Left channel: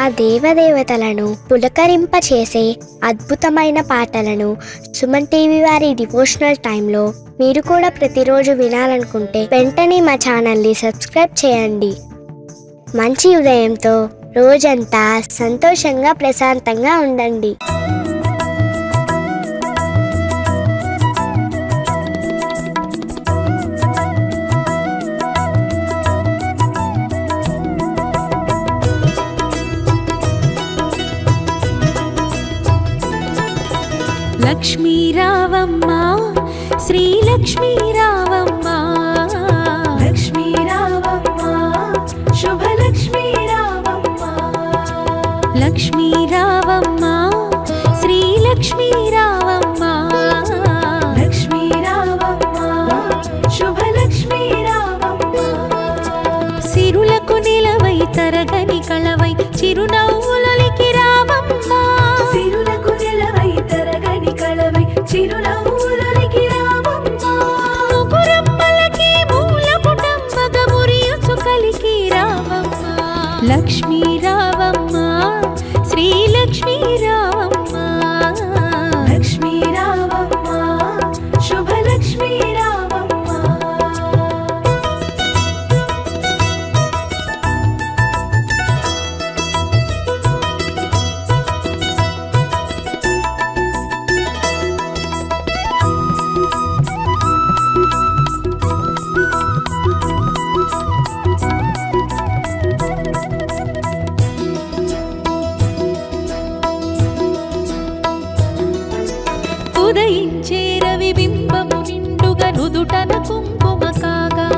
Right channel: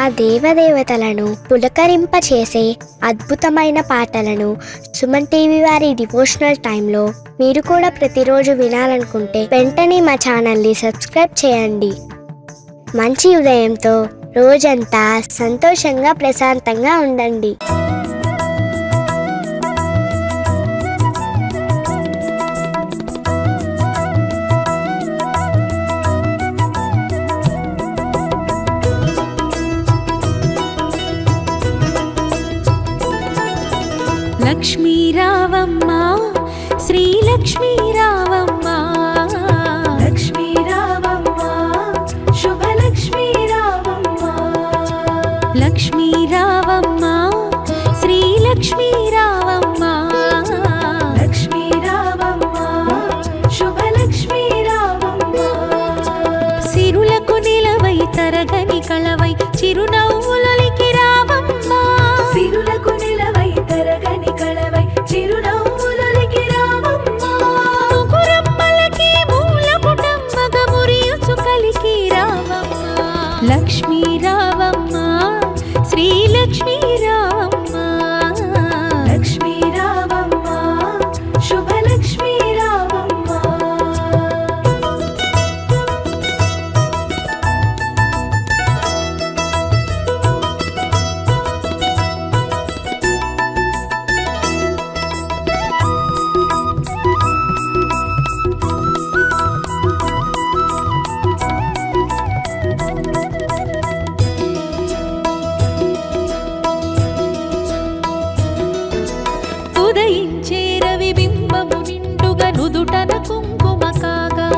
ఆ దేవదేవతలను పులకరింపచేసే అద్భుతమైన పాటలను సుమన్ టీవీ వారి డివోషనల్ టైంలో మీరు కూడా ప్రతిరోజు వినాలనుకుంటే వెంటనే మా ఛానల్ని సబ్స్క్రైబ్ చేయండి. మంచి ఉదయంతో రోజంతా సంతోషంగా ప్రశాంతంగా ఉండండి. లక్ష్మీ రావమ్మ శ్రీ లక్ష్మీ రావమ్మ, లక్ష్మీ రావమ్మ శుభ లక్ష్మీ రావమ్మ, లక్ష్మీ రావమ్మ శ్రీ లక్ష్మీ రావమ్మ, లక్ష్మీ రావమ్మ శుభ లక్ష్మీ రావమ్మ. సిరులకు నిలవై తరగని కళవై చిరునవ్వులకి రావమ్మ, సిరులకు నిలవై తరగని కళవై చిరునవ్వులకి రావమ్మ. ముగురమ్మలకి మూల పుటమ్మగ మురియుచు కలికి రావమ్మ, లక్ష్మీ రావమ్మ శ్రీ లక్ష్మీ రావమ్మ, లక్ష్మీ రావమ్మ శుభ లక్ష్మీ రావమ్మ. ఉదయించే రవి బింబము నిండుగా నుదుటన కుంకుమ కాగా,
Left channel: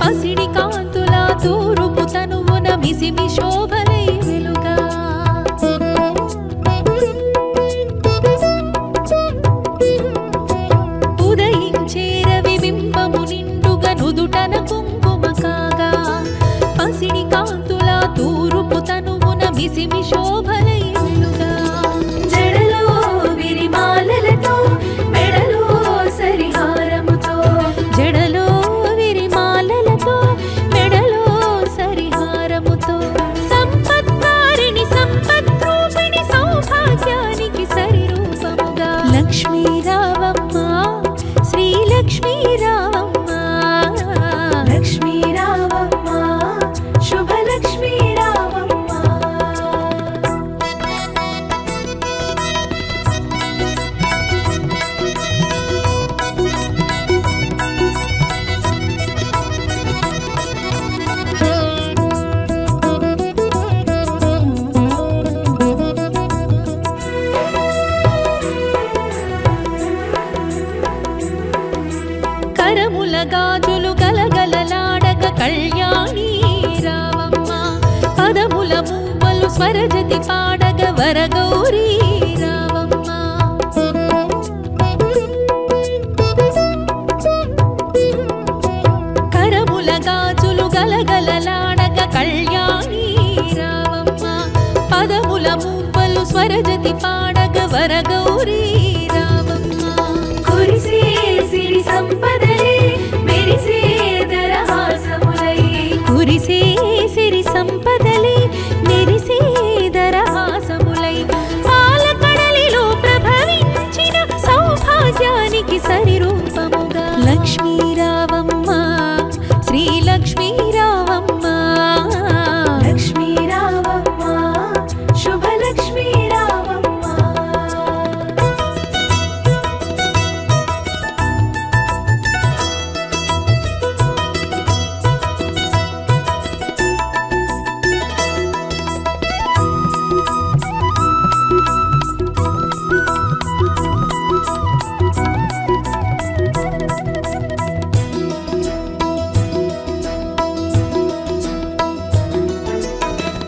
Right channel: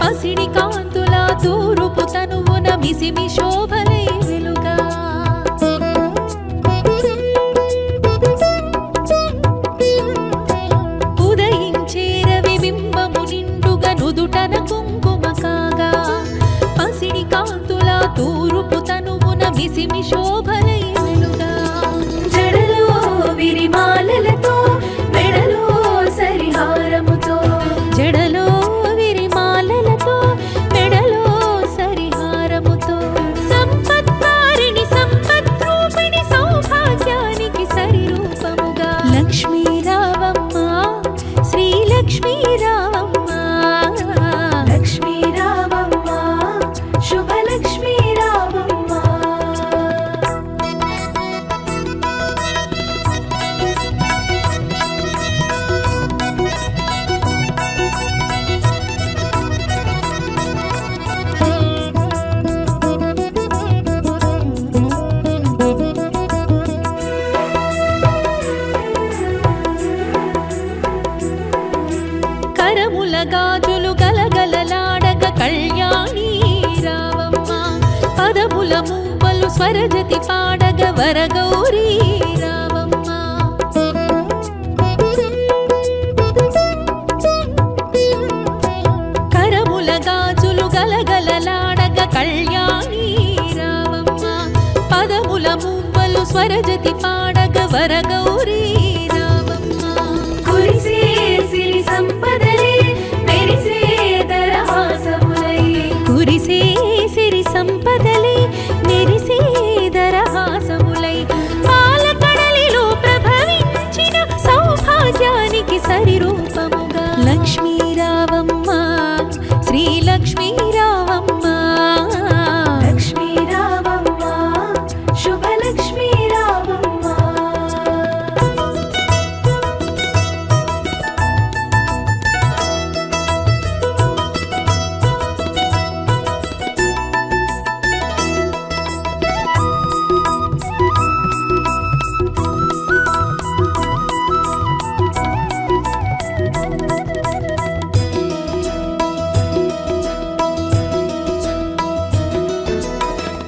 పసిడి కాంతుల తూరుపు తనువున మిసిమి శోభలై వెలుగా, ఉదయించే రవి బింబము నిండుగా నుదుటన కుంకుమ కాగా, పసిడి కాంతుల తూరుపు తనువున మిసిమి శోభలై వెలుగా, జడలో విరిమాలలతో మెడలో సరిహారముతో, జడలో విరిమాలలతో మెడలో సరిహారముతో, సంపత్కారిణి సంపద్రూపిణి సౌభాగ్యానికి సరిరూపముగా, లక్ష్మీ రావమ్మ శ్రీ లక్ష్మీ రావమ్మ, లక్ష్మీ రావమ్మ శుభ లక్ష్మీ రావమ్మ. కరముల గాజులు గలగలలాడగ కళ్యాణి రావమ్మ, పదముల మూవలు స్వరజతి పాడగ వరగౌరీ రావమ్మ, కరముల గాజులు గలగలలాడగ కళ్యాణి రావమ్మ, పదముల మూవలు స్వరజతి పాడగ వరగౌరీ రావమ్మ, కురిసే సిరి సంపదలే మెరిసే దరహాసములై, కురిసే సిరి సంపదలే మెరిసే దరహాసములై, పాలకడలిలో ప్రభవించిన సౌభాగ్యానికి సరిరూపముగా, లక్ష్మీ రావమ్మ శ్రీ లక్ష్మీ రావమ్మ, లక్ష్మీ రావమ్మ శుభ లక్ష్మీ రావమ్మ.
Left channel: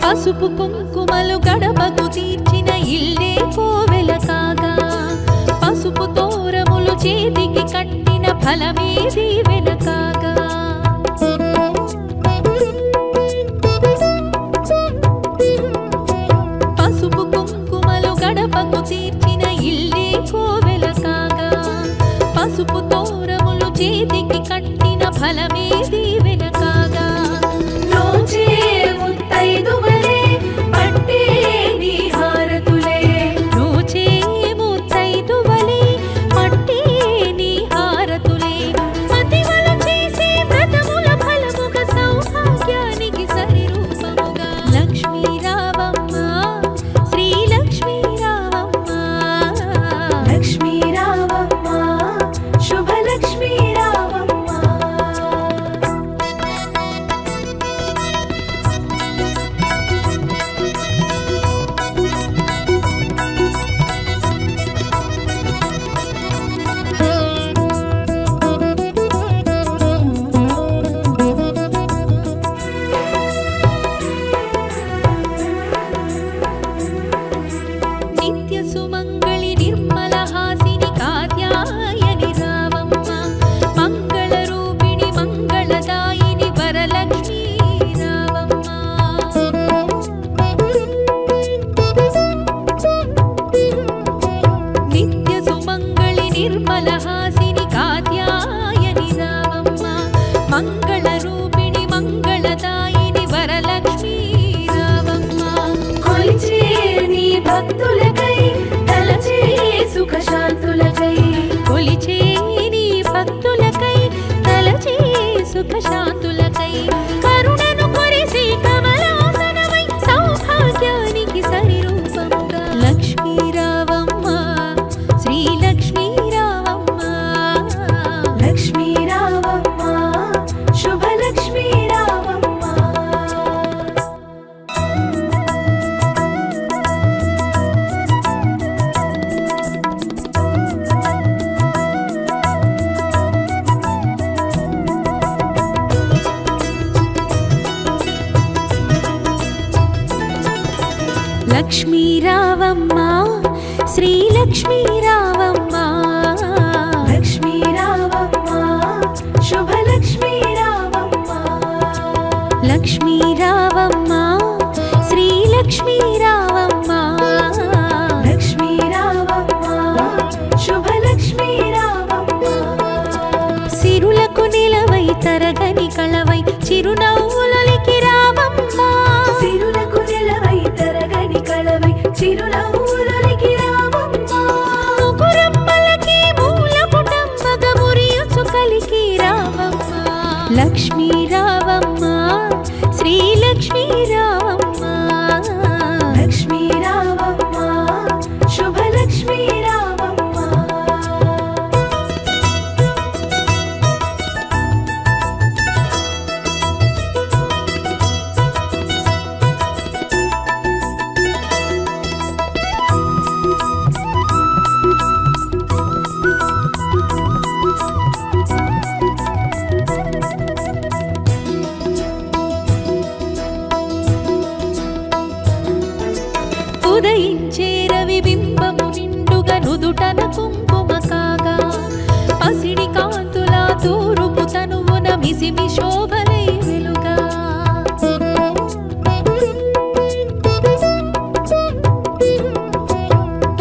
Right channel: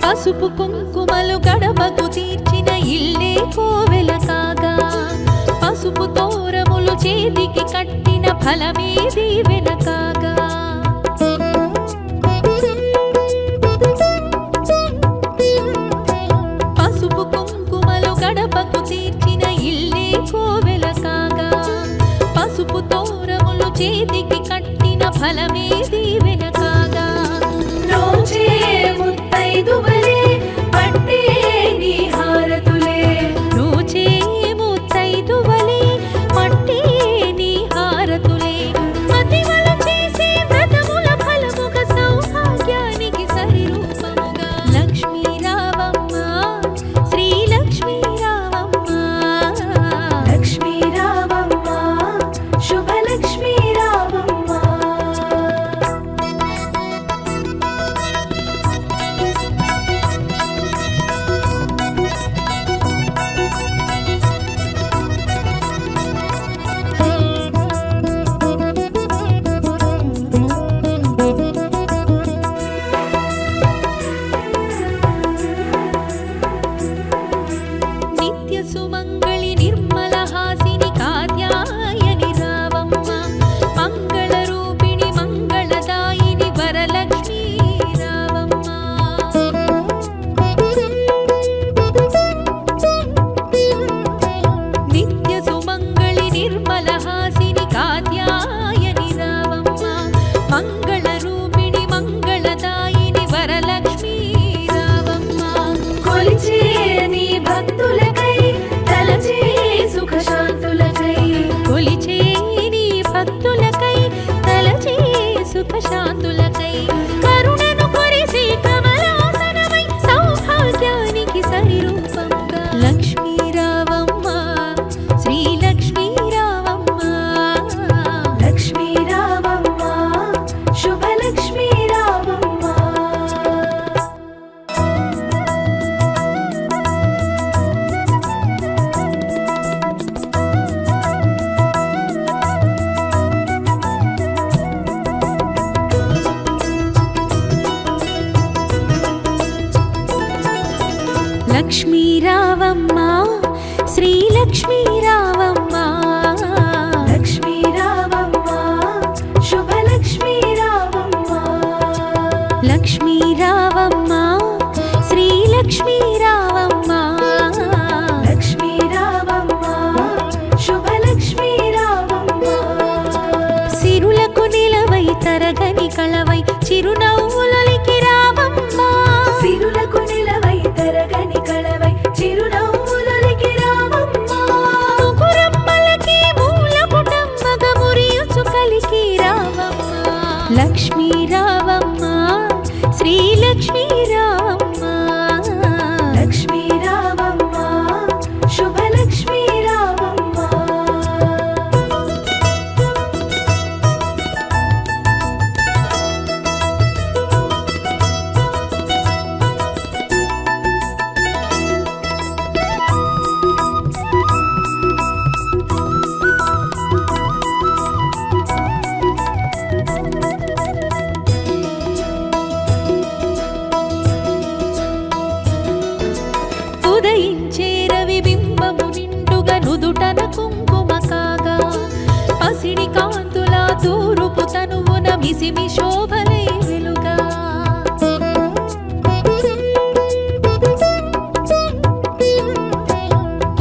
పసుపు కుంకుమలు గడపకు తీర్చిన ఇల్లే కోవెల కాగా, పసుపు తోరములు చేతికి కట్టిన ఫలమే దీవెన కాగా, పసుపు కుంకుమలు గడపకు తీర్చిన ఇల్లే కోవెల కాగా, పసుపు తోరములు చేతికి కట్టిన ఫలమే దీవెన కాగా, రోజే ముత్తైదువలే పట్టే లక్ష్మీ రావమ్మ శ్రీ లక్ష్మీ రావమ్మ లక్ష్మీ రావమ్మ శుభలక్ష్మీ రావమ్మ నిత్య సుమంగళి నిర్మల హాసిని కాత్యాయని రావమ్మ మంగళ రూపిణి మంగళదాయిని వరలక్ష్మీ రావమ్మ నిత్య సుమంగళి నిర్మల హాసిని కాత్యాయని రావమ్మ మంగళ రూపిణి మంగళదాయిని వరలక్ష్మీ రావమ్మ కొలిచే నీ భక్తులకై తలచే సుఖ శాంతులకై కొలిచే నీ భక్తులకై తలచే సుఖ శాంతులకై కరుణను కొరిసే కమలాసనమై సౌభాగ్యానికి సరిరూపముగా లక్ష్మీ రావమ్మ శ్రీ లక్ష్మీ రావమ్మ లక్ష్మీ రావమ్మ శుభలక్ష్మీ రావమ్మ లక్ష్మీ రావమ్మ శ్రీ లక్ష్మీ రావమ్మ లక్ష్మీ రావమ్మ శుభలక్ష్మీ రావమ్మ లక్ష్మీ రావమ్మ శ్రీ లక్ష్మీ రావమ్మ లక్ష్మీ రావమ్మ శుభలక్ష్మీ రావమ్మ సిరులకు నిలవై తరగని కళవై చిరునవ్వులకి రావమ్మ సిరులకు నిలవై తరగని కళవై చిరునవ్వులకి రావమ్మ ముగురమ్మలకి మూల పుటమ్మగ మురియుచు కలికి రావమ్మ లక్ష్మీ రావమ్మ శ్రీ లక్ష్మీ రావమ్మ లక్ష్మీ రావమ్మ శుభలక్ష్మీ రావమ్మ ఉదయించే రవి బింబము నిండుగా నుదుటన కుంకుమ కాగా పసిడి కాంతుల తూరుపు తనువున మిసిమి శోభలై వెలుగా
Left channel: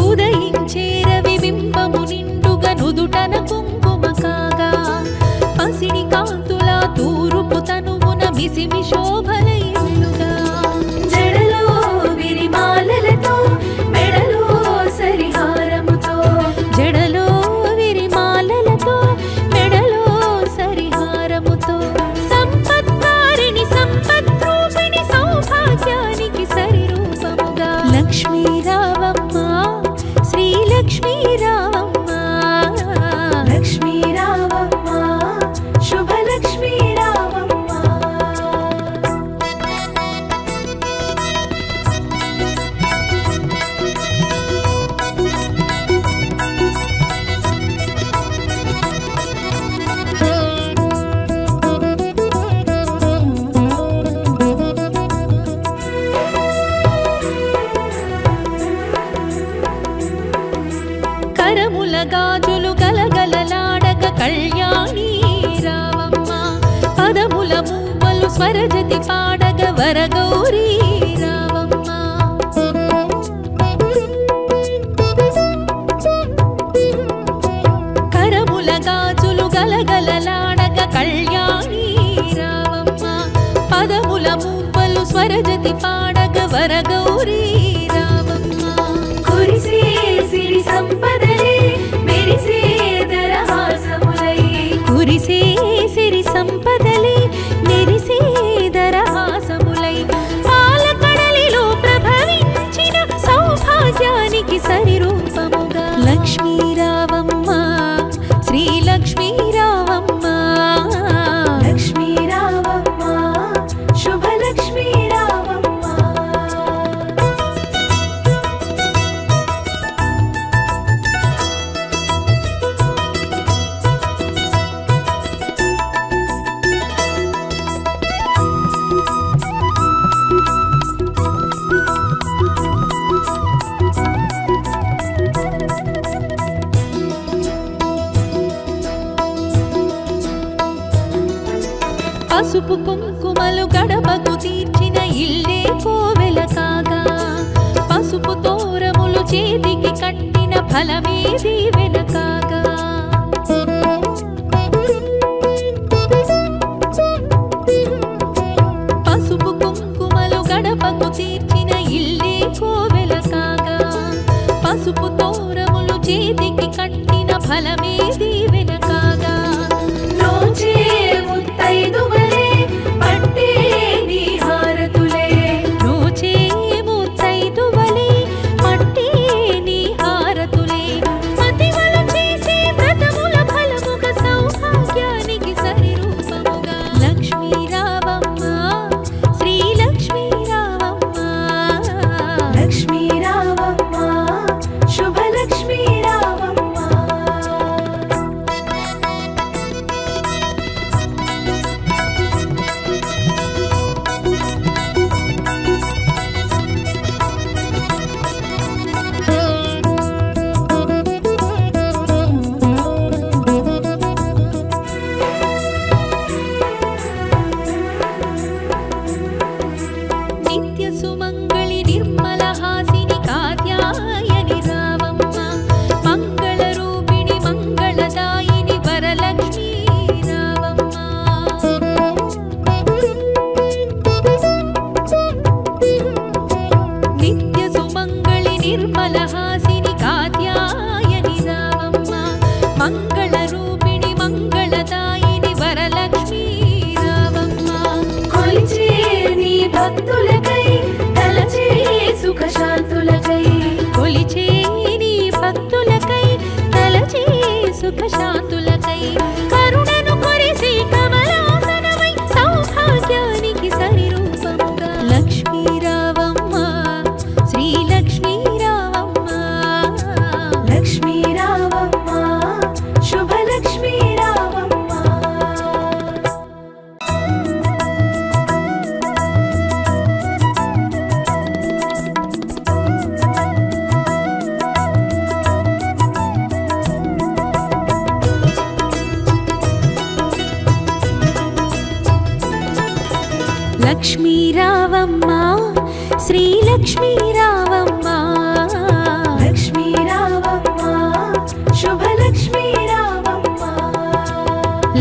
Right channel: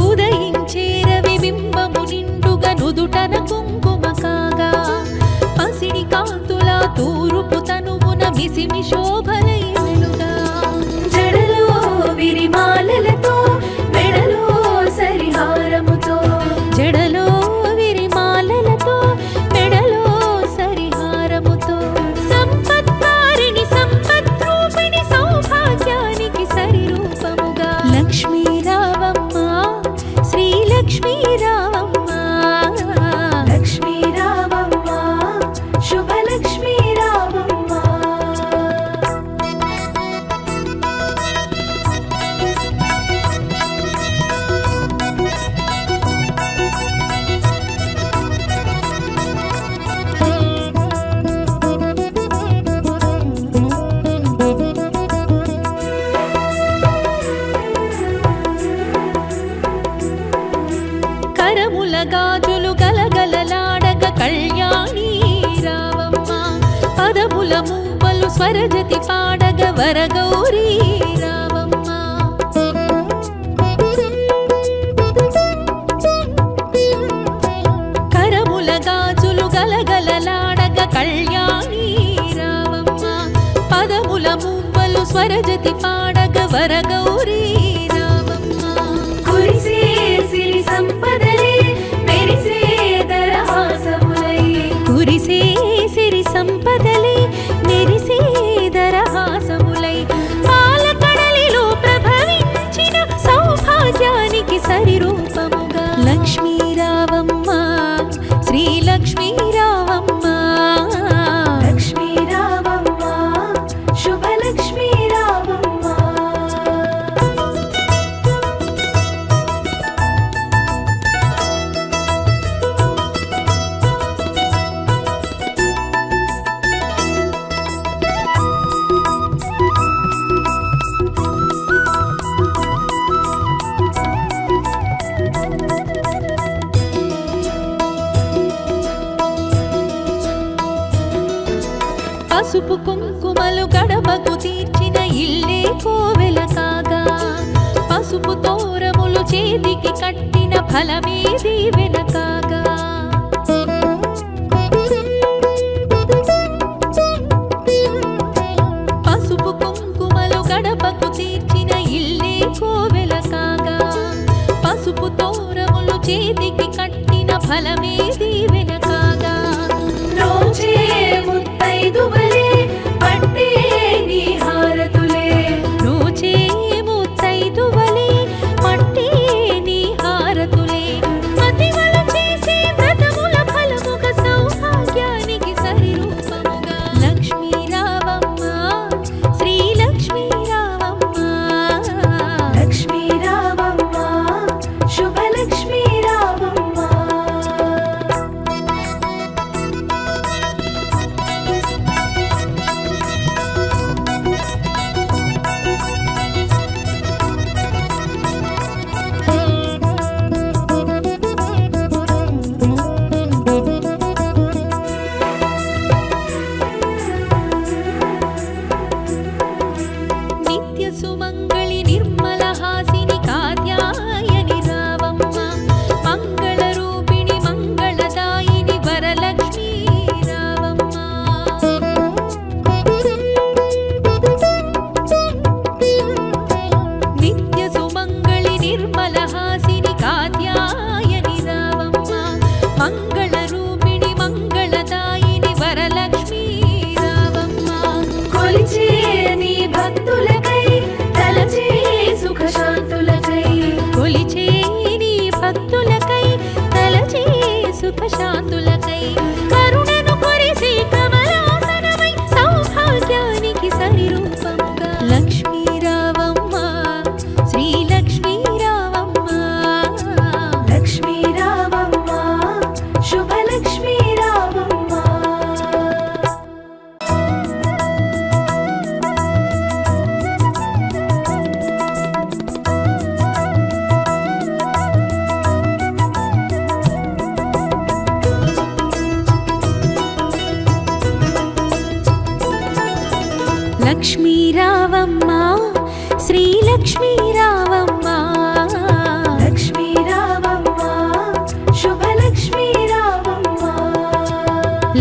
ఉదయించే రవి బింబము నిండుగా నుదుటన కుంకుమ కాగా పసిడి కాంతుల తూరుపు తనువున మిసిమి శోభలై వెలుగా జడలో విరిమాలలతో మెడలో సరిహారముతో జడలో విరిమాలలతో మెడలో సరిహారముతో సంపత్కారిణి సంపద్రూపిణి సౌభాగ్యానికి సరిరూపముగా లక్ష్మీ రావమ్మ శ్రీ లక్ష్మీ రావమ్మ లక్ష్మీ రావమ్మ శుభలక్ష్మీ రావమ్మ కరముల గాజులు గలగలలాడగ కళ్యాణి రావమ్మ పదముల మూవలు స్వరజతి పాడగ వరగౌరీ రావమ్మ కరముల గాజులు గలగలలాడగ కళ్యాణి రావమ్మ పదముల మూవలు స్వరజతి పాడగ వరగౌరీ రావమ్మ కురిసే సిరి సంపదలే మెరిసే దరహాసములై కురిసే సిరి సంపదలే మెరిసే దరహాసములై పాలక పసుపు కుంకుమలు గడపకు తీర్చిన ఇల్లే కోవెల కాగా పసుపు తోరములు చేతికి కట్టిన ఫలమే దీవెన కాగా పసుపు కుంకుమలు గడపకు తీర్చిన ఇల్లే కోవెల కాగా పసుపు తోరములు చేతికి కట్టిన ఫలమే దీవెన కాగా రోజే ముత్తైదువలే పట్టే నీ హారతులే రోజే ముత్తైదువలే పట్టే నీ హారతులే మతివల చేసే వ్రతముల ఫలముగ సౌభాగ్యానికి సరి రూపముగా లక్ష్మీ రావమ్మ శ్రీ లక్ష్మీ రావమ్మ లక్ష్మీ రావమ్మ శుభలక్ష్మీ రావమ్మ నిత్య సుమంగళి నిర్మల హాసిని కాత్యాయని రావమ్మ మంగళ రూపిణి మంగళదాయిని వరలక్ష్మీ రావమ్మ నిత్య సుమంగళి నిర్మల హాసిని కాత్యాయని రావమ్మ మంగళ రూపిణి మంగళదాయిని వరలక్ష్మీ రావమ్మ కొలిచే నీ భక్తులకై తలచే సుఖశాంతులకై కొలిచే నీ భక్తులకై తలచే సుఖశాంతులకై కరుణను కొరిసే కమలాసనమై సౌభాగ్యానికి సరి రూపముగా లక్ష్మీ రావమ్మ శ్రీ లక్ష్మీ రావమ్మ లక్ష్మీ రావమ్మ శుభలక్ష్మీ రావమ్మ లక్ష్మీ రావమ్మ శ్రీ లక్ష్మీ రావమ్మ లక్ష్మీ రావమ్మ శుభలక్ష్మీ రావమ్మ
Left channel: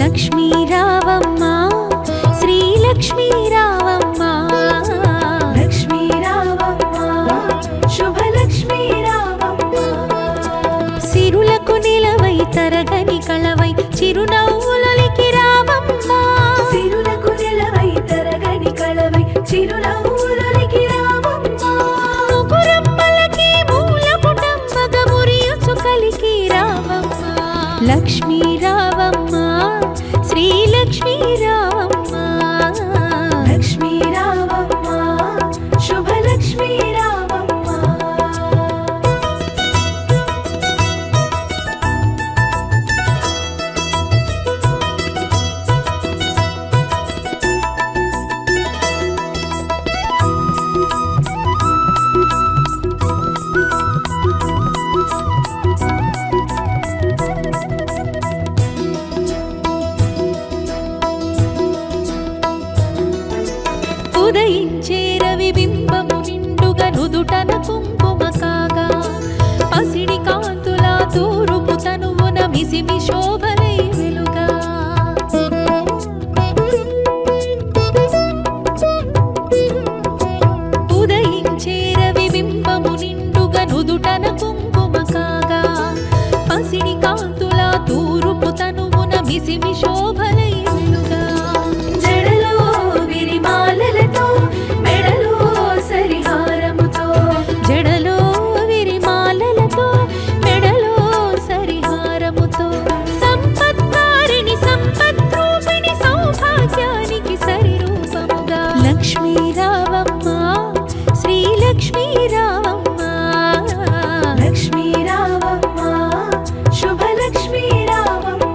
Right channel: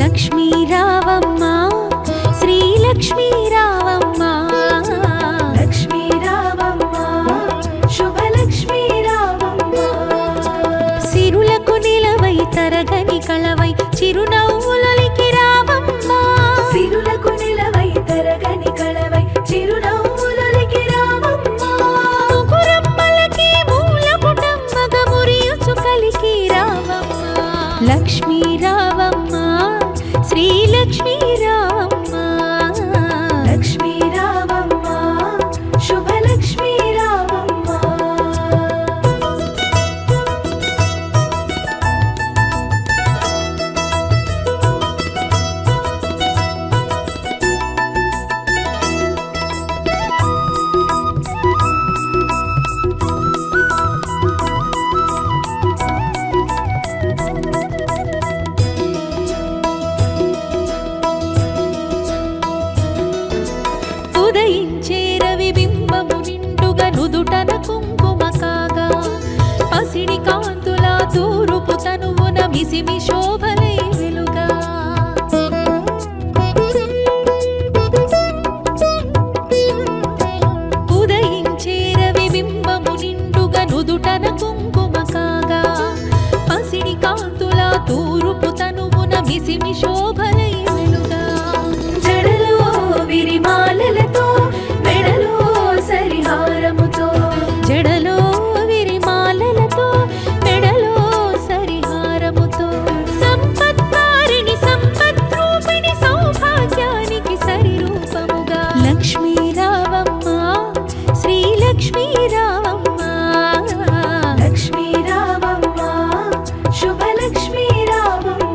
లక్ష్మీ రావమ్మ శ్రీ లక్ష్మీ రావమ్మ లక్ష్మీ రావమ్మ శుభలక్ష్మీ రావమ్మ సిరులకు నిలవై తరగని కళవై చిరునవ్వులకి రావమ్మ సిరులకు నిలవై తరగని కళవై చిరునవ్వులకి రావమ్మ ముగురమ్మలకి మూల పుటమ్మగ మురియుచు కలికి రావమ్మ లక్ష్మీ రావమ్మ శ్రీ లక్ష్మీ రావమ్మ లక్ష్మీ రావమ్మ శుభలక్ష్మీ రావమ్మ ఉదయించే రవి బింబము నిండుగా నుదుటన కుంకుమ కాగా పసిడి కాంతుల తూరుపు తనువున మిసిమి శోభలై వెలుగా ఉదయించే రవి బింబము నిండుగా నుదుటన కుంకుమ కాగా పసిడి కాంతుల తూరుపు తనువున మిసిమి శోభలై వెలుగా జడలో విరిమాలలతో మెడలో సరిహారముతో జడలో విరిమాలలతో మెడలో సరిహారముతో సంపత్కారిణి సంపద్రూపిణి సౌభాగ్యానికి సరి రూపముగా లక్ష్మీ రావమ్మ శ్రీ లక్ష్మీ రావమ్మ లక్ష్మీ రావమ్మ శుభలక్ష్మీ రావమ్మ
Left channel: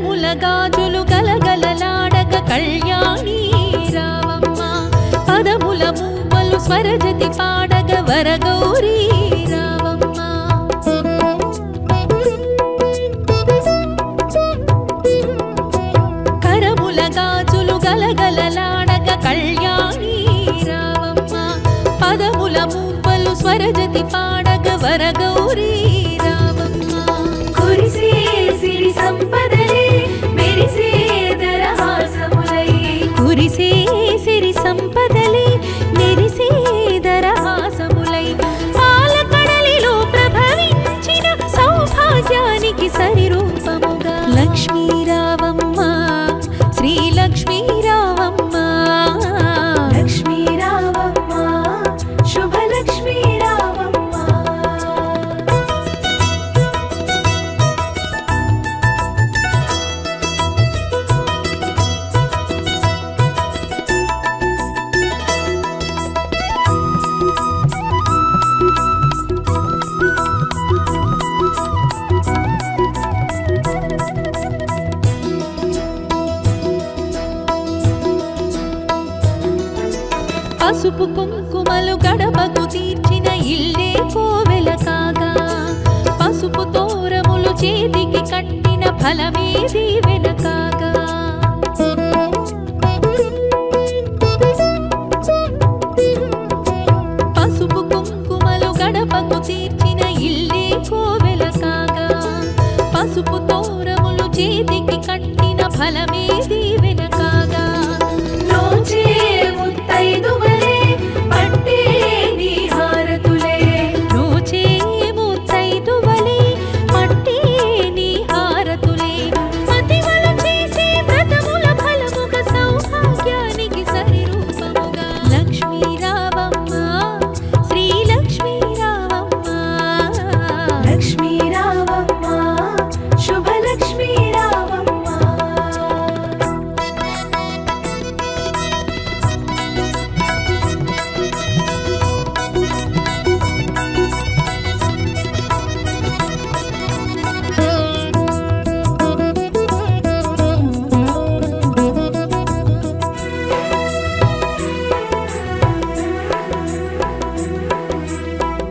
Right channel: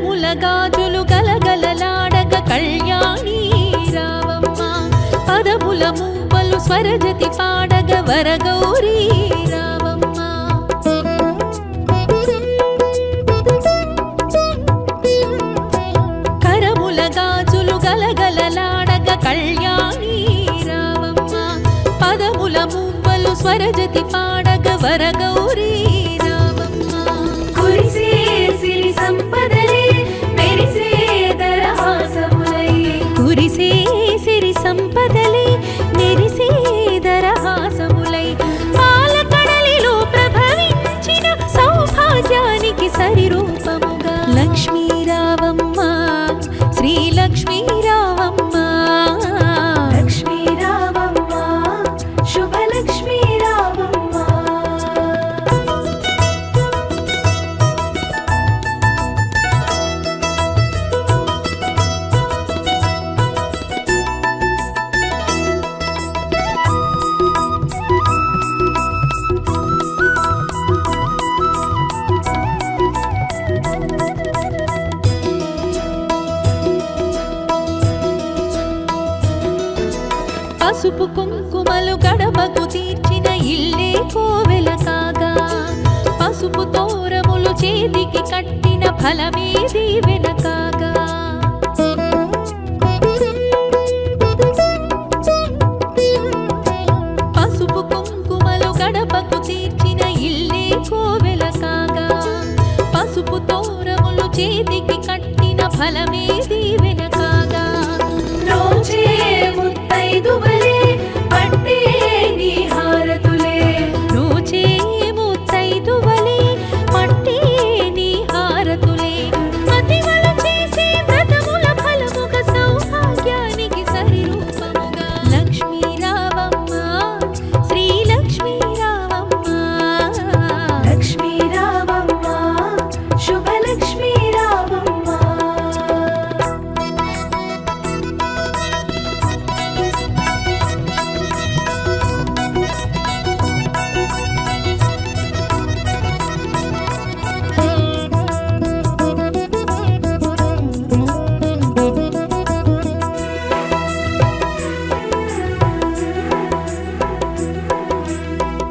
కరముల గాజులు గలగలలాడగ కళ్యాణి రావమ్మ పదముల మూవలు స్వరజతి పాడగ వరగౌరీ రావమ్మ కరముల గాజులు గలగలలాడగ కళ్యాణి రావమ్మ పదముల మూవలు స్వరజతి పాడగ వరగౌరీ రావమ్మ కురిసే సిరి సంపదలే మెరిసే దరహాసములై కురిసే సిరి సంపదలే మెరిసే దరహాసములై పాలకడలిలో ప్రభవించిన సౌభాగ్యానికి సరిరూపముగా లక్ష్మీ రావమ్మ శ్రీ లక్ష్మీ రావమ్మ లక్ష్మీ రావమ్మ శుభలక్ష్మీ రావమ్మ పసుపు కుంకుమలు గడపకు తీర్చిన ఇల్లే కోవెల కాగా పసుపు తోరములు చేతికి కట్టిన ఫలమే దీవెన కాగా పసుపు కుంకుమలు గడపకు తీర్చిన ఇల్లే కోవెల కాగా పసుపు తోరములు చేతికి కట్టిన ఫలమే దీవెన కాగా రోజే ముత్తైదువలే పట్టే నీ హారతులే రోజే ముత్తైదువలే పట్టే నీ హారతులే మతివలు చేసే వ్రతముల ఫలముగ సౌభాగ్యానికి సరిరూపముగా లక్ష్మీ రావమ్మ శ్రీ లక్ష్మీ రావమ్మ లక్ష్మీ రావమ్మ శుభలక్ష్మీ రావమ్మ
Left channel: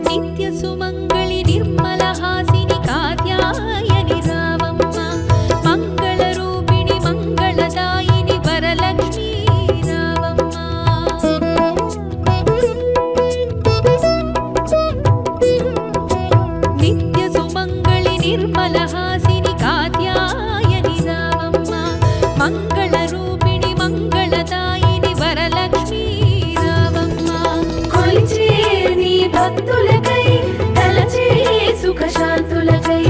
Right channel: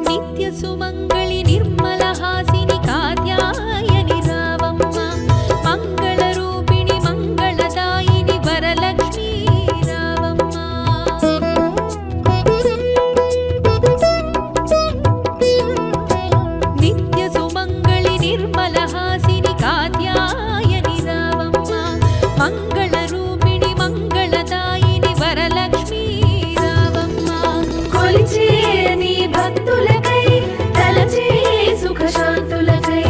నిత్య సుమంగళి నిర్మల హాసిని కాత్యాయని రావమ్మ మంగళ రూపిణి మంగళదాయిని వరలక్ష్మీ రావమ్మ నిత్య సుమంగళి నిర్మల హాసిని కాత్యాయని రావమ్మ మంగళ రూపిణి మంగళదాయిని వరలక్ష్మీ రావమ్మ కొలిచే నీ భక్తులకై తలచే సుఖశాంతులకై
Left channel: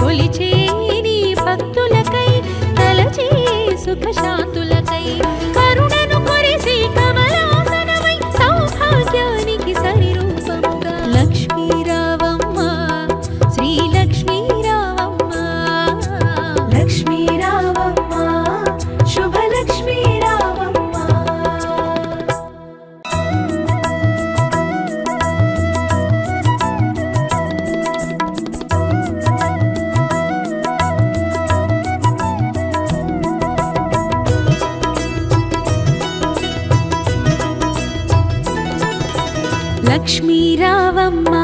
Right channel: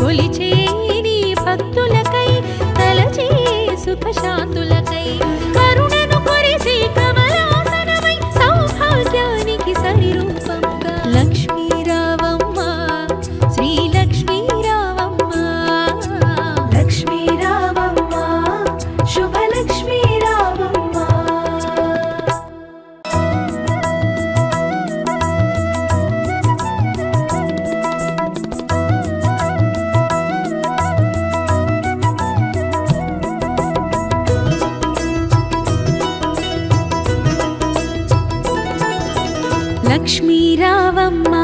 కొలిచే నీ భక్తులకై తలచే సుఖశాంతులకై కరుణను కొరిసే కమలాసనమై సౌభాగ్యానికి సరిరూపముగా లక్ష్మీ రావమ్మ శ్రీ లక్ష్మీ రావమ్మ లక్ష్మీ రావమ్మ శుభలక్ష్మీ రావమ్మ లక్ష్మీ రావమ్మ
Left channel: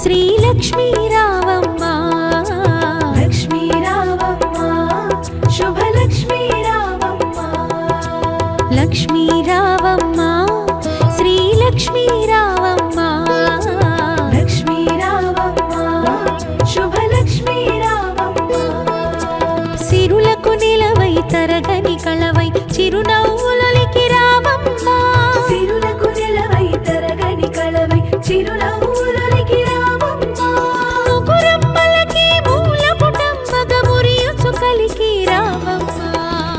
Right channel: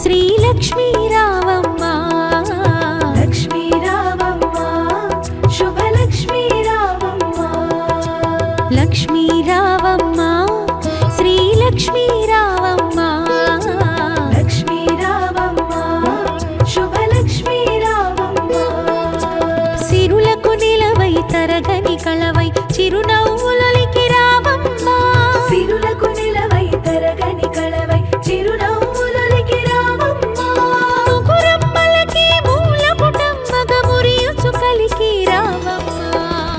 శ్రీ లక్ష్మీ రావమ్మ లక్ష్మీ రావమ్మ శుభలక్ష్మీ రావమ్మ లక్ష్మీ రావమ్మ శ్రీ లక్ష్మీ రావమ్మ లక్ష్మీ రావమ్మ శుభలక్ష్మీ రావమ్మ సిరులకు నిలవై తరగని కళవై చిరునవ్వులొలికి రావమ్మ సిరులకు నిలవై తరగని కళవై చిరునవ్వులొలికి రావమ్మ ముగురమ్మలకి మూల పుటమ్మగ మురియుచు కలికి రావమ్మ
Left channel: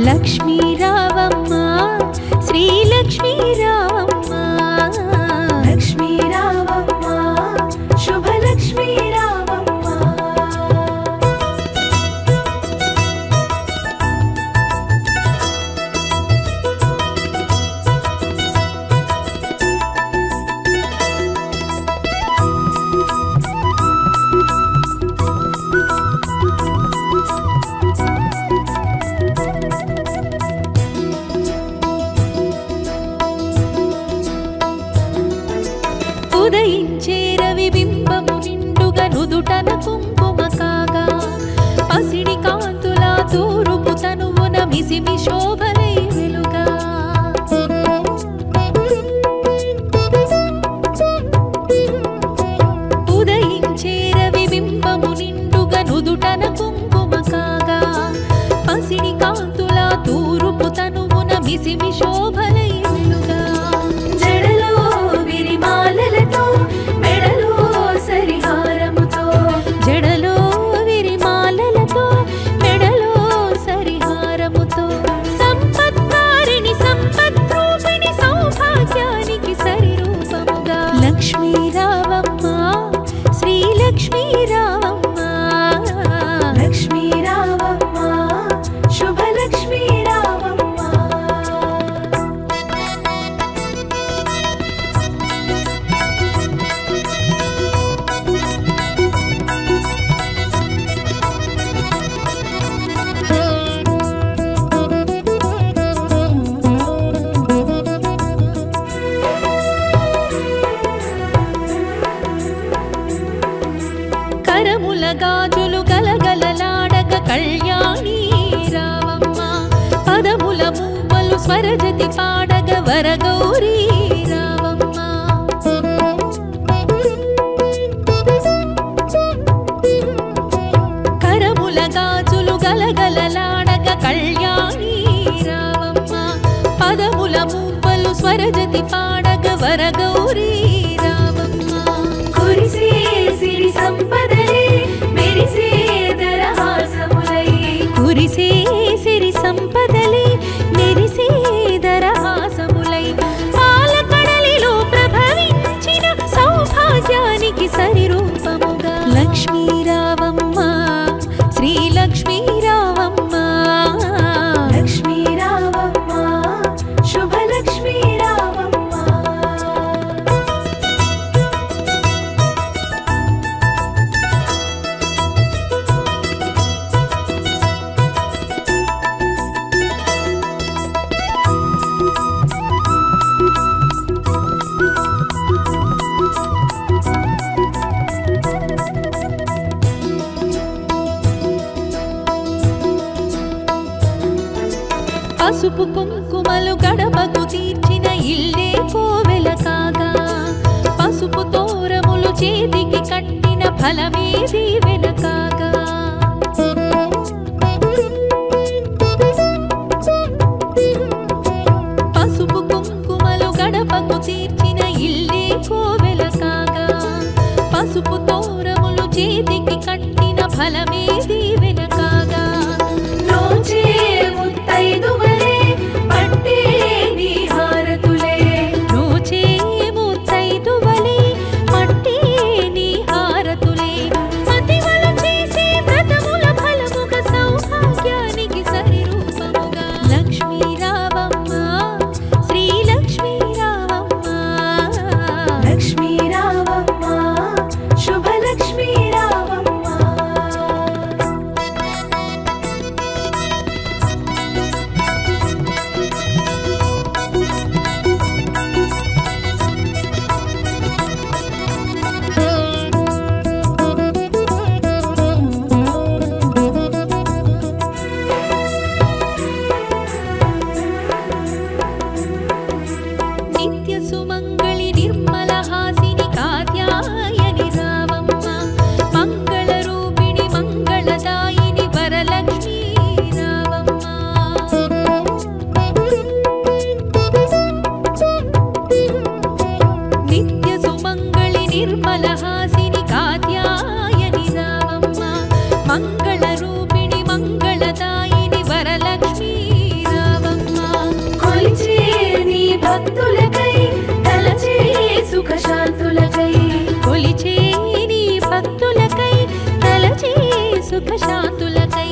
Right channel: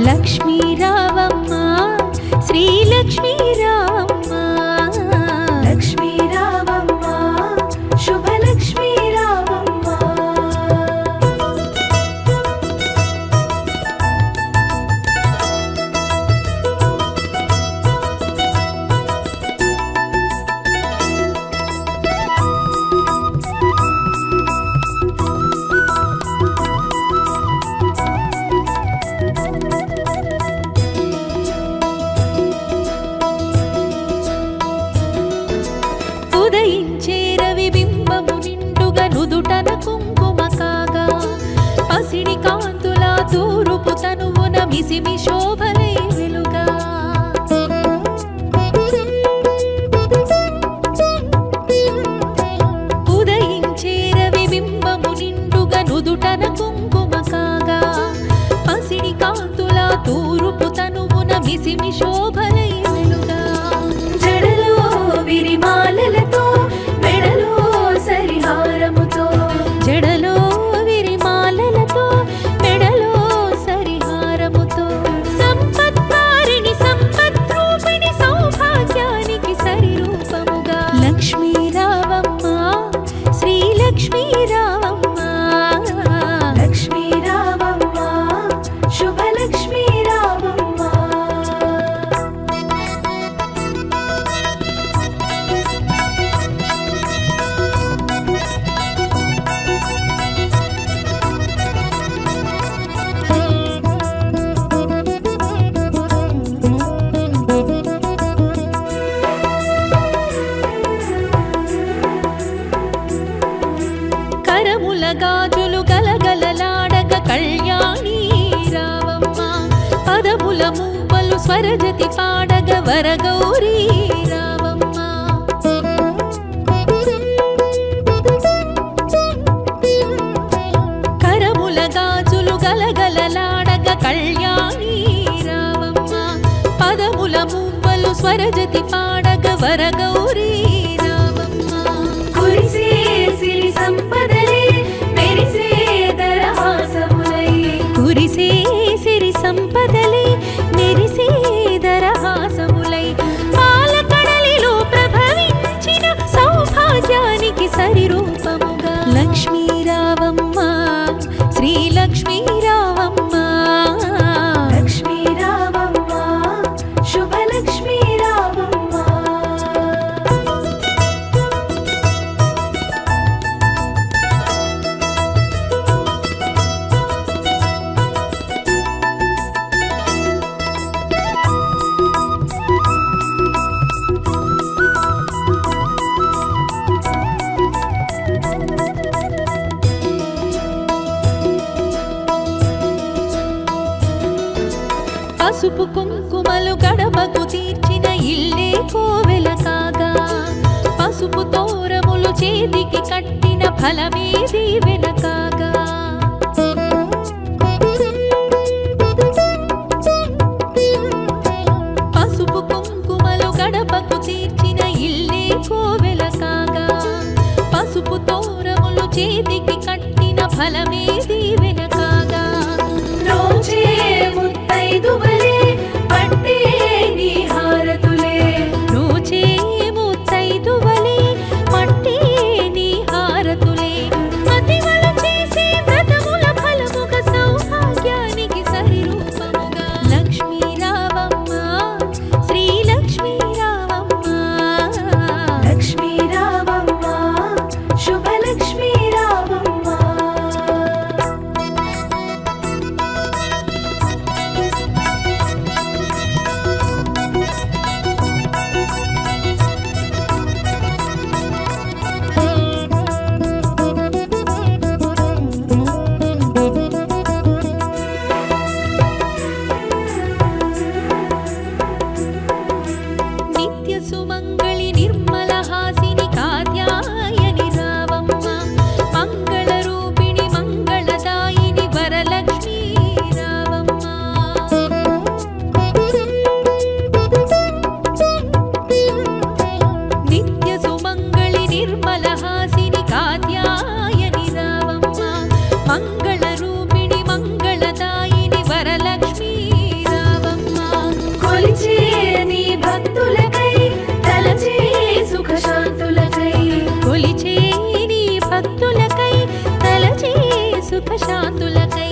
లక్ష్మీ రావమ్మ శ్రీ లక్ష్మీ రావమ్మ లక్ష్మీ రావమ్మ శుభలక్ష్మీ రావమ్మ మిసిమి శోభలై వెలుగా ఉదయించే రవి బింబము నిండుగా నుదుటన కుంకుమ కాగా పసిడి కాంతుల తూరుపు తనువున మిసిమి శోభలై వెలుగా జడలో విరిమాలలతో మెడలో సరిహారముతో జడలో విరిమాలలతో మెడలో సరిహారముతో సంపత్కారిణి సంపద్రూపిణి సౌభాగ్యానికి సరిరూపముగా లక్ష్మీ రావమ్మ శ్రీ లక్ష్మీ రావమ్మ లక్ష్మీ రావమ్మ శుభలక్ష్మీ రావమ్మ కరముల గాజులు గలగలలాడగ కళ్యాణి రావమ్మ పదముల మూవలు స్వరజతి పాడగ వరగౌరీ రావమ్మ కరముల గాజులు గలగలలాడగ కళ్యాణి రావమ్మ పదముల మూవలు స్వరజతి పాడగ వరగౌరీ రావమ్మ కురిసే సిరి సంపదలే మెరిసే దరహాసములై కురిసే సిరి సంపదలే మెరిసే దరహాసములై పాలకడలిలో ప్రభవించిన సౌభాగ్యానికి సరిరూపముగా లక్ష్మీ రావమ్మ శ్రీ లక్ష్మీ రావమ్మ లక్ష్మీ రావమ్మ శుభలక్ష్మీ రావమ్మ పసుపు కుంకుమలు గడపకు తీర్చిన ఇల్లే కోవెల కాగా పసుపు తోరములు చేతికి కట్టిన ఫలమే దీవెన కాగా పసుపు కుంకుమలు గడపకు తీర్చిన ఇల్లే కోవెల కాగా పసుపు తోరములు చేతికి కట్టిన ఫలమే దీవెన కాగా రోజే ముత్తైదువలే పట్టే నీ హారతులే రోజే ముత్తైదువలే పట్టే నీ హారతులే మతివలు చేసే వ్రతముల ఫలముగ సౌభాగ్యానికి సరిరూపముగా లక్ష్మీ రావమ్మ శ్రీ లక్ష్మీ రావమ్మ లక్ష్మీ రావమ్మ శుభలక్ష్మీ రావమ్మ నిత్య సుమంగళి నిర్మల హాసిని కాత్యాయని రావమ్మ మంగళ రూపిణి మంగళదాయిని వరలక్ష్మీ రావమ్మ నిత్య సుమంగళి నిర్మల హాసిని కాత్యాయని రావమ్మ మంగళ రూపిణి మంగళదాయిని వరలక్ష్మీ రావమ్మ కొలిచే నీ భక్తులకై తలచే సుఖ శాంతులకై కొలిచే నీ భక్తులకై తలచే సుఖ శాంతులకై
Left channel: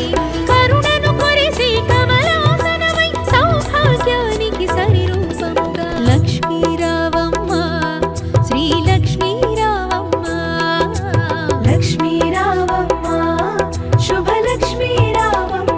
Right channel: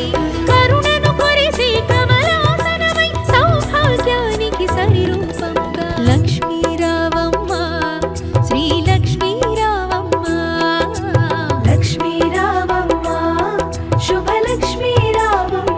కరుణను కొరిసే కమలాసనమై సౌభాగ్యానికి సరిరూపముగా లక్ష్మీ రావమ్మ శ్రీ లక్ష్మీ రావమ్మ లక్ష్మీ రావమ్మ శుభలక్ష్మీ రావమ్మ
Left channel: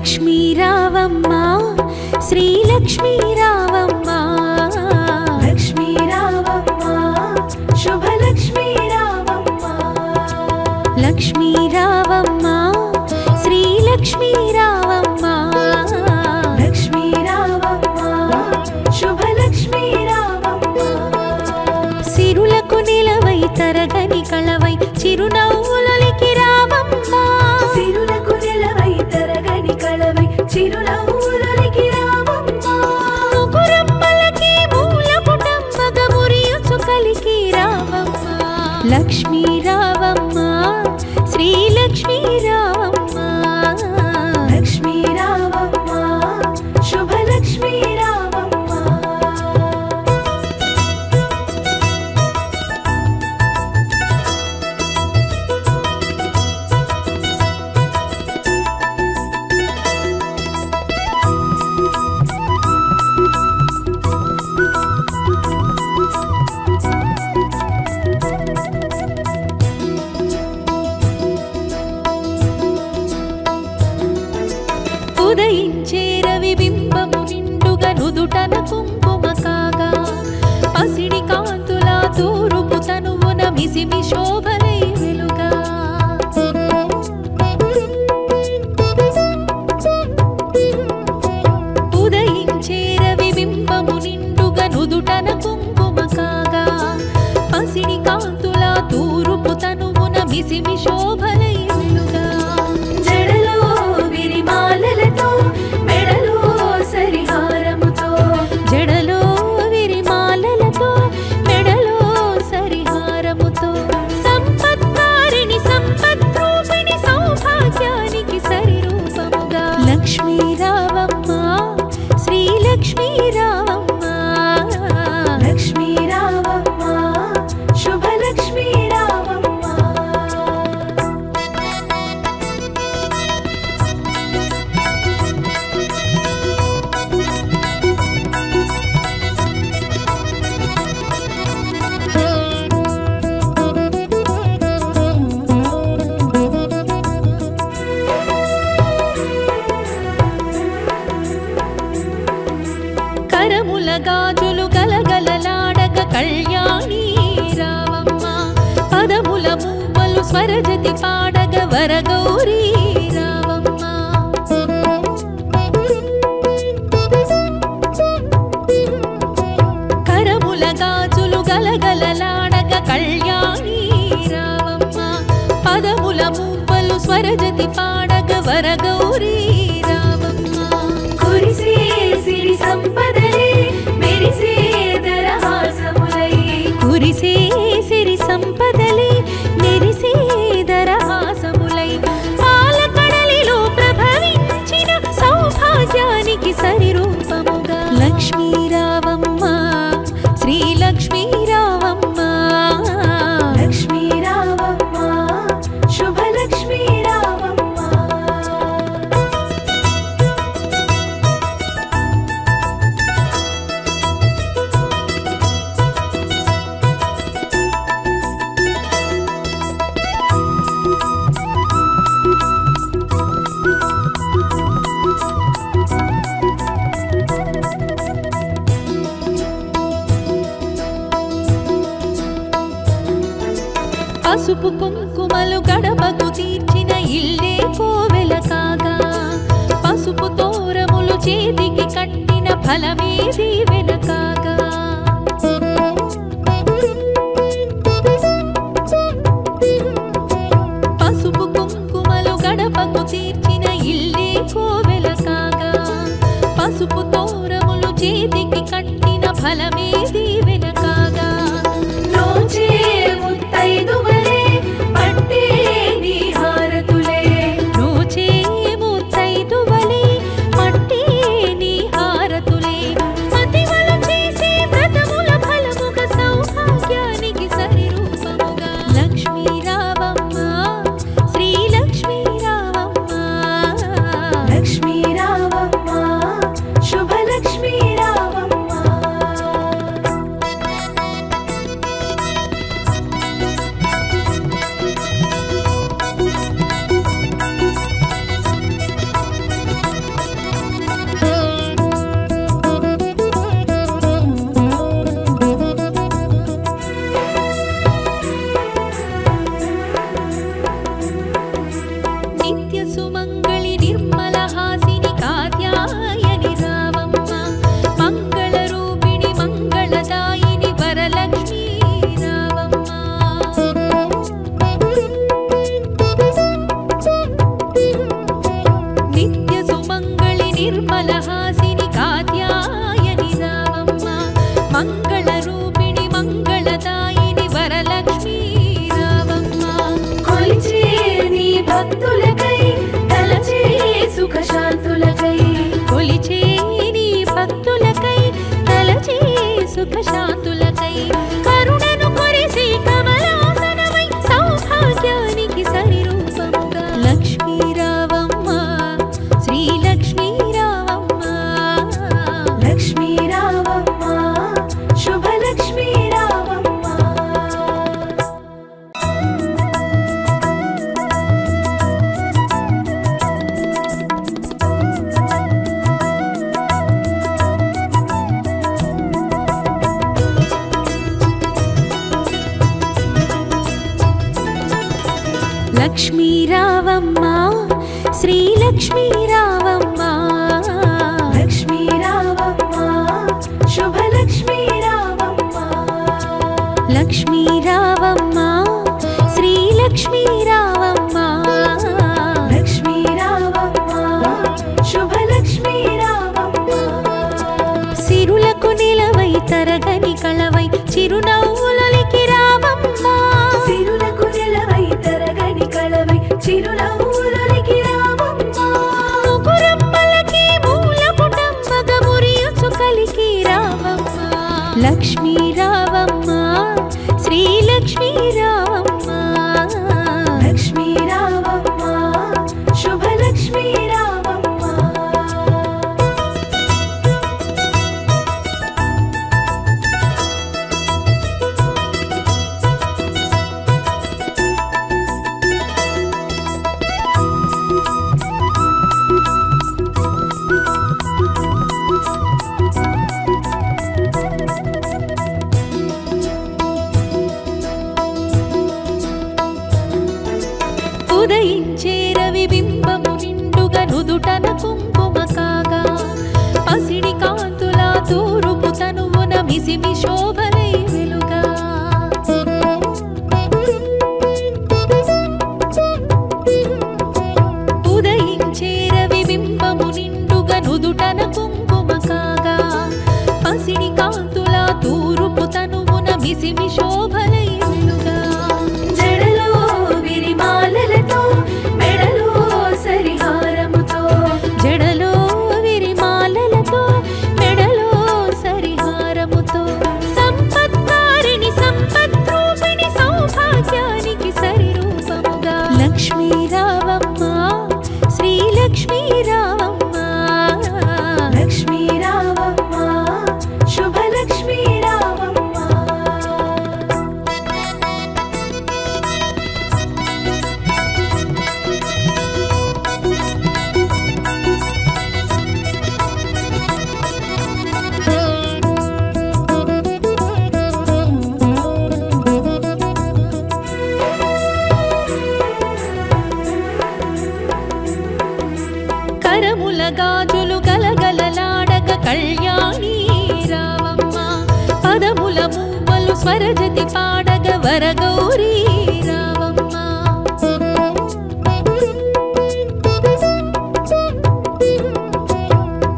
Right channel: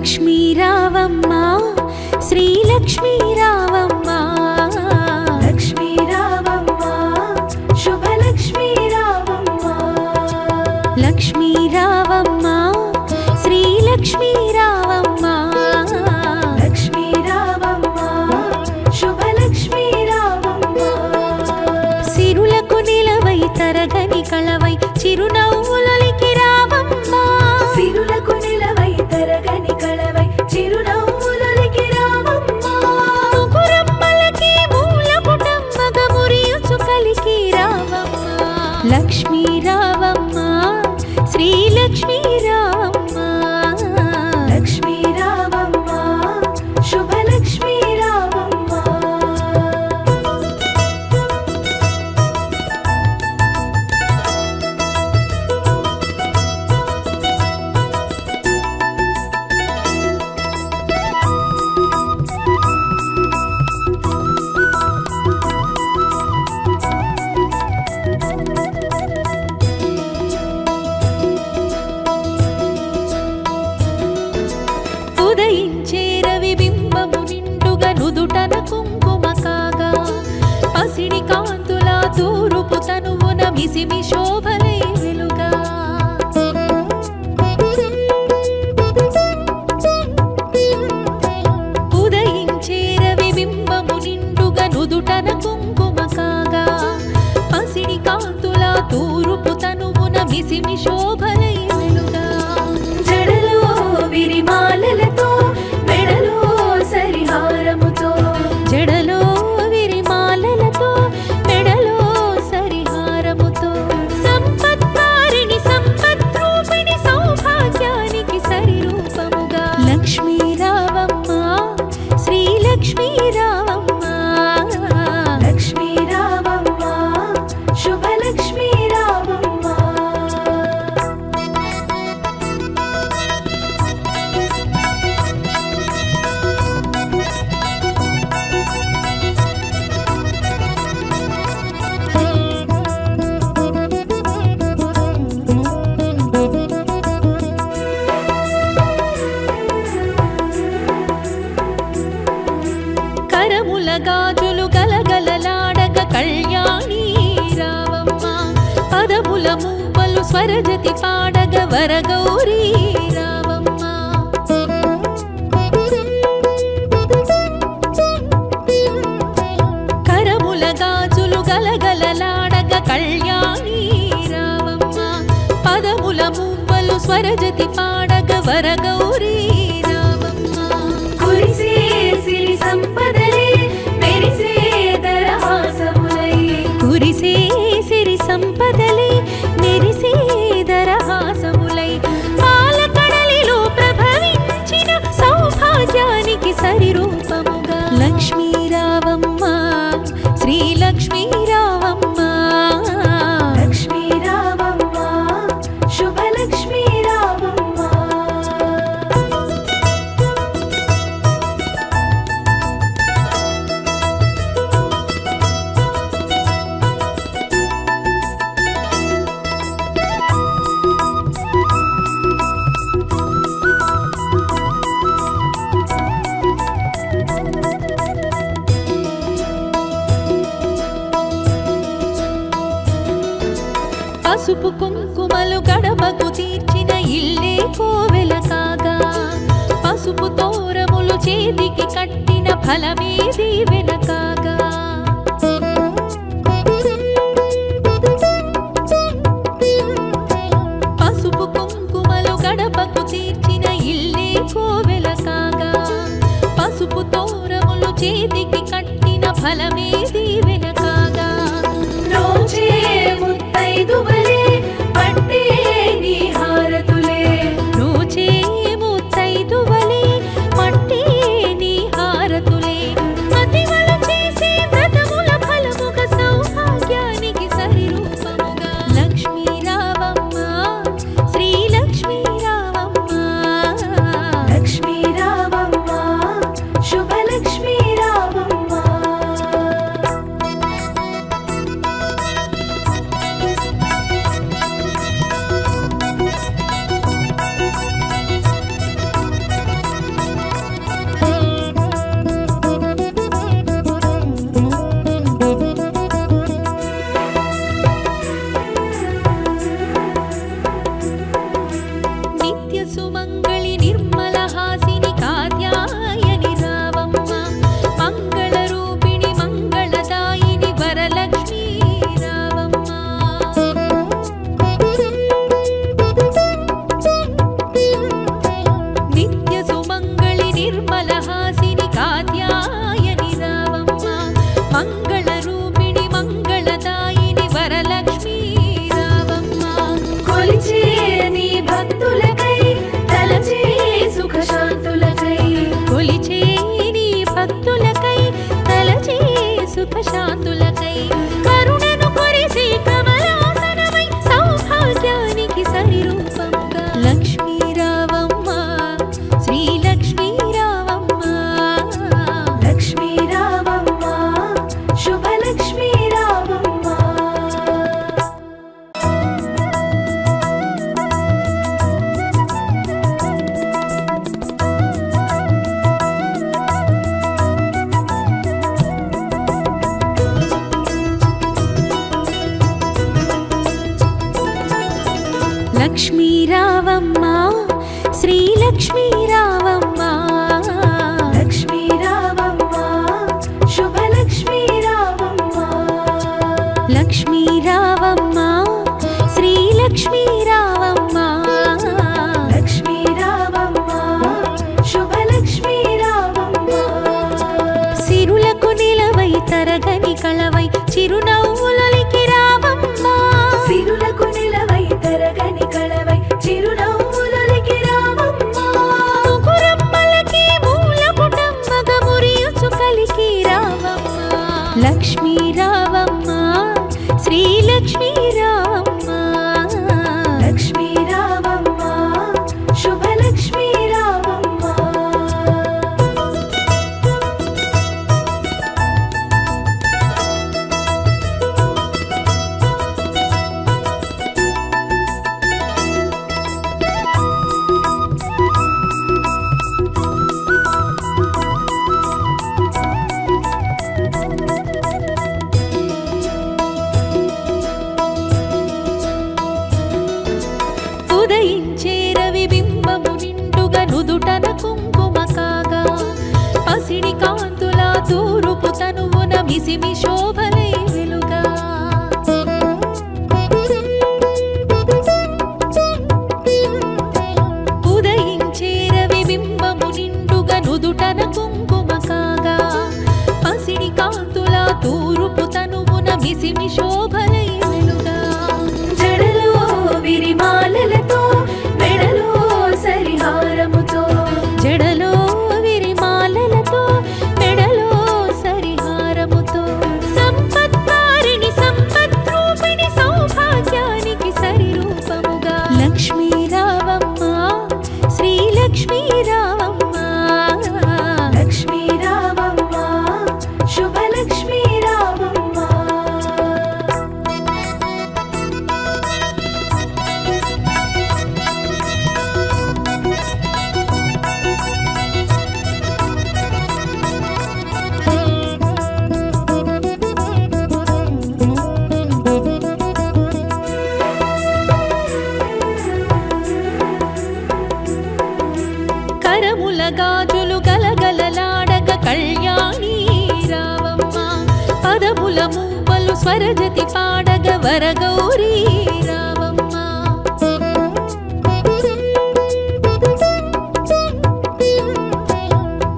లక్ష్మీ రావమ్మ శ్రీలక్ష్మీ రావమ్మ లక్ష్మీ రావమ్మ శుభలక్ష్మీ రావమ్మ లక్ష్మీ రావమ్మ శ్రీలక్ష్మీ రావమ్మ లక్ష్మీ రావమ్మ శుభలక్ష్మీ రావమ్మ సిరులకు నిలవై తరగని కళవై చిరునవ్వులకి రావమ్మ సిరులకు నిలవై తరగని కళవై చిరునవ్వులకి రావమ్మ ముగురమ్మలకి మూలపుటమ్మగ మురియుచు కలికి రావమ్మ లక్ష్మీ రావమ్మ శ్రీలక్ష్మీ రావమ్మ లక్ష్మీ రావమ్మ శుభలక్ష్మీ రావమ్మ ఉదయించే రవి బింబము నిండుగా నుదుటన కుంకుమ కాగా పసిడి కాంతుల తూరుపు తనువున మిసిమి శోభలై వెలుగా ఉదయించే రవి బింబము నిండుగా నుదుటన కుంకుమ కాగా పసిడి కాంతుల తూరుపు తనువున మిసిమి శోభలై వెలుగా జడలో విరిమాలలతో మెడలో సరిహారముతో జడలో విరిమాలలతో మెడలో సరిహారముతో సంపత్కారిణి సంపద్రూపిణి సౌభాగ్యానికి సరిరూపముగా లక్ష్మీ రావమ్మ శ్రీలక్ష్మీ రావమ్మ లక్ష్మీ రావమ్మ శుభలక్ష్మీ రావమ్మ కరముల గాజులు గలగలలాడగ కళ్యాణి రావమ్మ పదముల మూవలు స్వరజతి పాడగ వరగౌరీ రావమ్మ కరముల గాజులు గలగలలాడగ కళ్యాణి రావమ్మ పదముల మూవలు స్వరజతి పాడగ వరగౌరీ రావమ్మ కురిసే సిరి సంపదలే మెరిసే దరహాసములై కురిసే సిరి సంపదలే మెరిసే దరహాసములై పాలకడలిలో ప్రభవించిన సౌభాగ్యానికి సరిరూపముగా లక్ష్మీ రావమ్మ శ్రీలక్ష్మీ రావమ్మ లక్ష్మీ రావమ్మ శుభలక్ష్మీ రావమ్మ పసుపు కుంకుమలు గడపకు తీర్చిన ఇల్లే కోవెల కాగా పసుపు తోరములు చేతికి కట్టిన ఫలమే దీవెన కాగా పసుపు కుంకుమలు గడపకు తీర్చిన ఇల్లే కోవెల కాగా పసుపు తోరములు చేతికి కట్టిన ఫలమే దీవెన కాగా రోజే ముత్తైదువలే పట్టే నీ హారతులే రోజే ముత్తైదువలే పట్టే నీ హారతులే మతివలు చేసే వ్రతముల ఫలముగా సౌభాగ్యానికి సరిరూపముగా లక్ష్మీ రావమ్మ శ్రీలక్ష్మీ రావమ్మ లక్ష్మీ రావమ్మ శుభలక్ష్మీ రావమ్మ సుఖశాంతులకై కరుణను కొరిసి కమలాసనమై సౌభాగ్యానికి సరిరూపముగా లక్ష్మీ రావమ్మ శ్రీ లక్ష్మీ రావమ్మ లక్ష్మీ రావమ్మ శుభలక్ష్మీ రావమ్మ లక్ష్మీ రావమ్మ శ్రీ లక్ష్మీ రావమ్మ లక్ష్మీ రావమ్మ శుభలక్ష్మీ రావమ్మ లక్ష్మీ రావమ్మ శ్రీ లక్ష్మీ రావమ్మ లక్ష్మీ రావమ్మ శుభలక్ష్మీ రావమ్మ సిరులకు నిలవై తరగని కళవై చిరునవ్వులకి రావమ్మ సిరులకు నిలవై తరగని కళవై చిరునవ్వులకి రావమ్మ ముగురమ్మలకి మూలపుటమ్మగ మురియుచు కలికి రావమ్మ లక్ష్మీ రావమ్మ శ్రీ లక్ష్మీ రావమ్మ లక్ష్మీ రావమ్మ శుభలక్ష్మీ రావమ్మ ఉదయించే రవి బింబము నిండుగా నుదుటన కుంకుమ కాగా పసిడి కాంతుల తూరుపు తనువున మిసిమి శోభలై వెలుగా ఉదయించే రవి బింబము నిండుగా నుదుటన కుంకుమ కాగా పసిడి కాంతుల తూరుపు తనువున మిసిమి శోభలై వెలుగా జడలో విరిమాలలతో మెడలో సరిహారముతో జడలో విరిమాలలతో మెడలో సరిహారముతో సంపత్కారిణి సంపద్రూపిణి సౌభాగ్యానికి సరిరూపముగా లక్ష్మీ రావమ్మ శ్రీ లక్ష్మీ రావమ్మ లక్ష్మీ రావమ్మ శుభలక్ష్మీ రావమ్మ కరముల గాజులు గలగలలాడగ కళ్యాణి రావమ్మ పదముల మూవలు స్వరజతి పాడగ వరగౌరీ రావమ్మ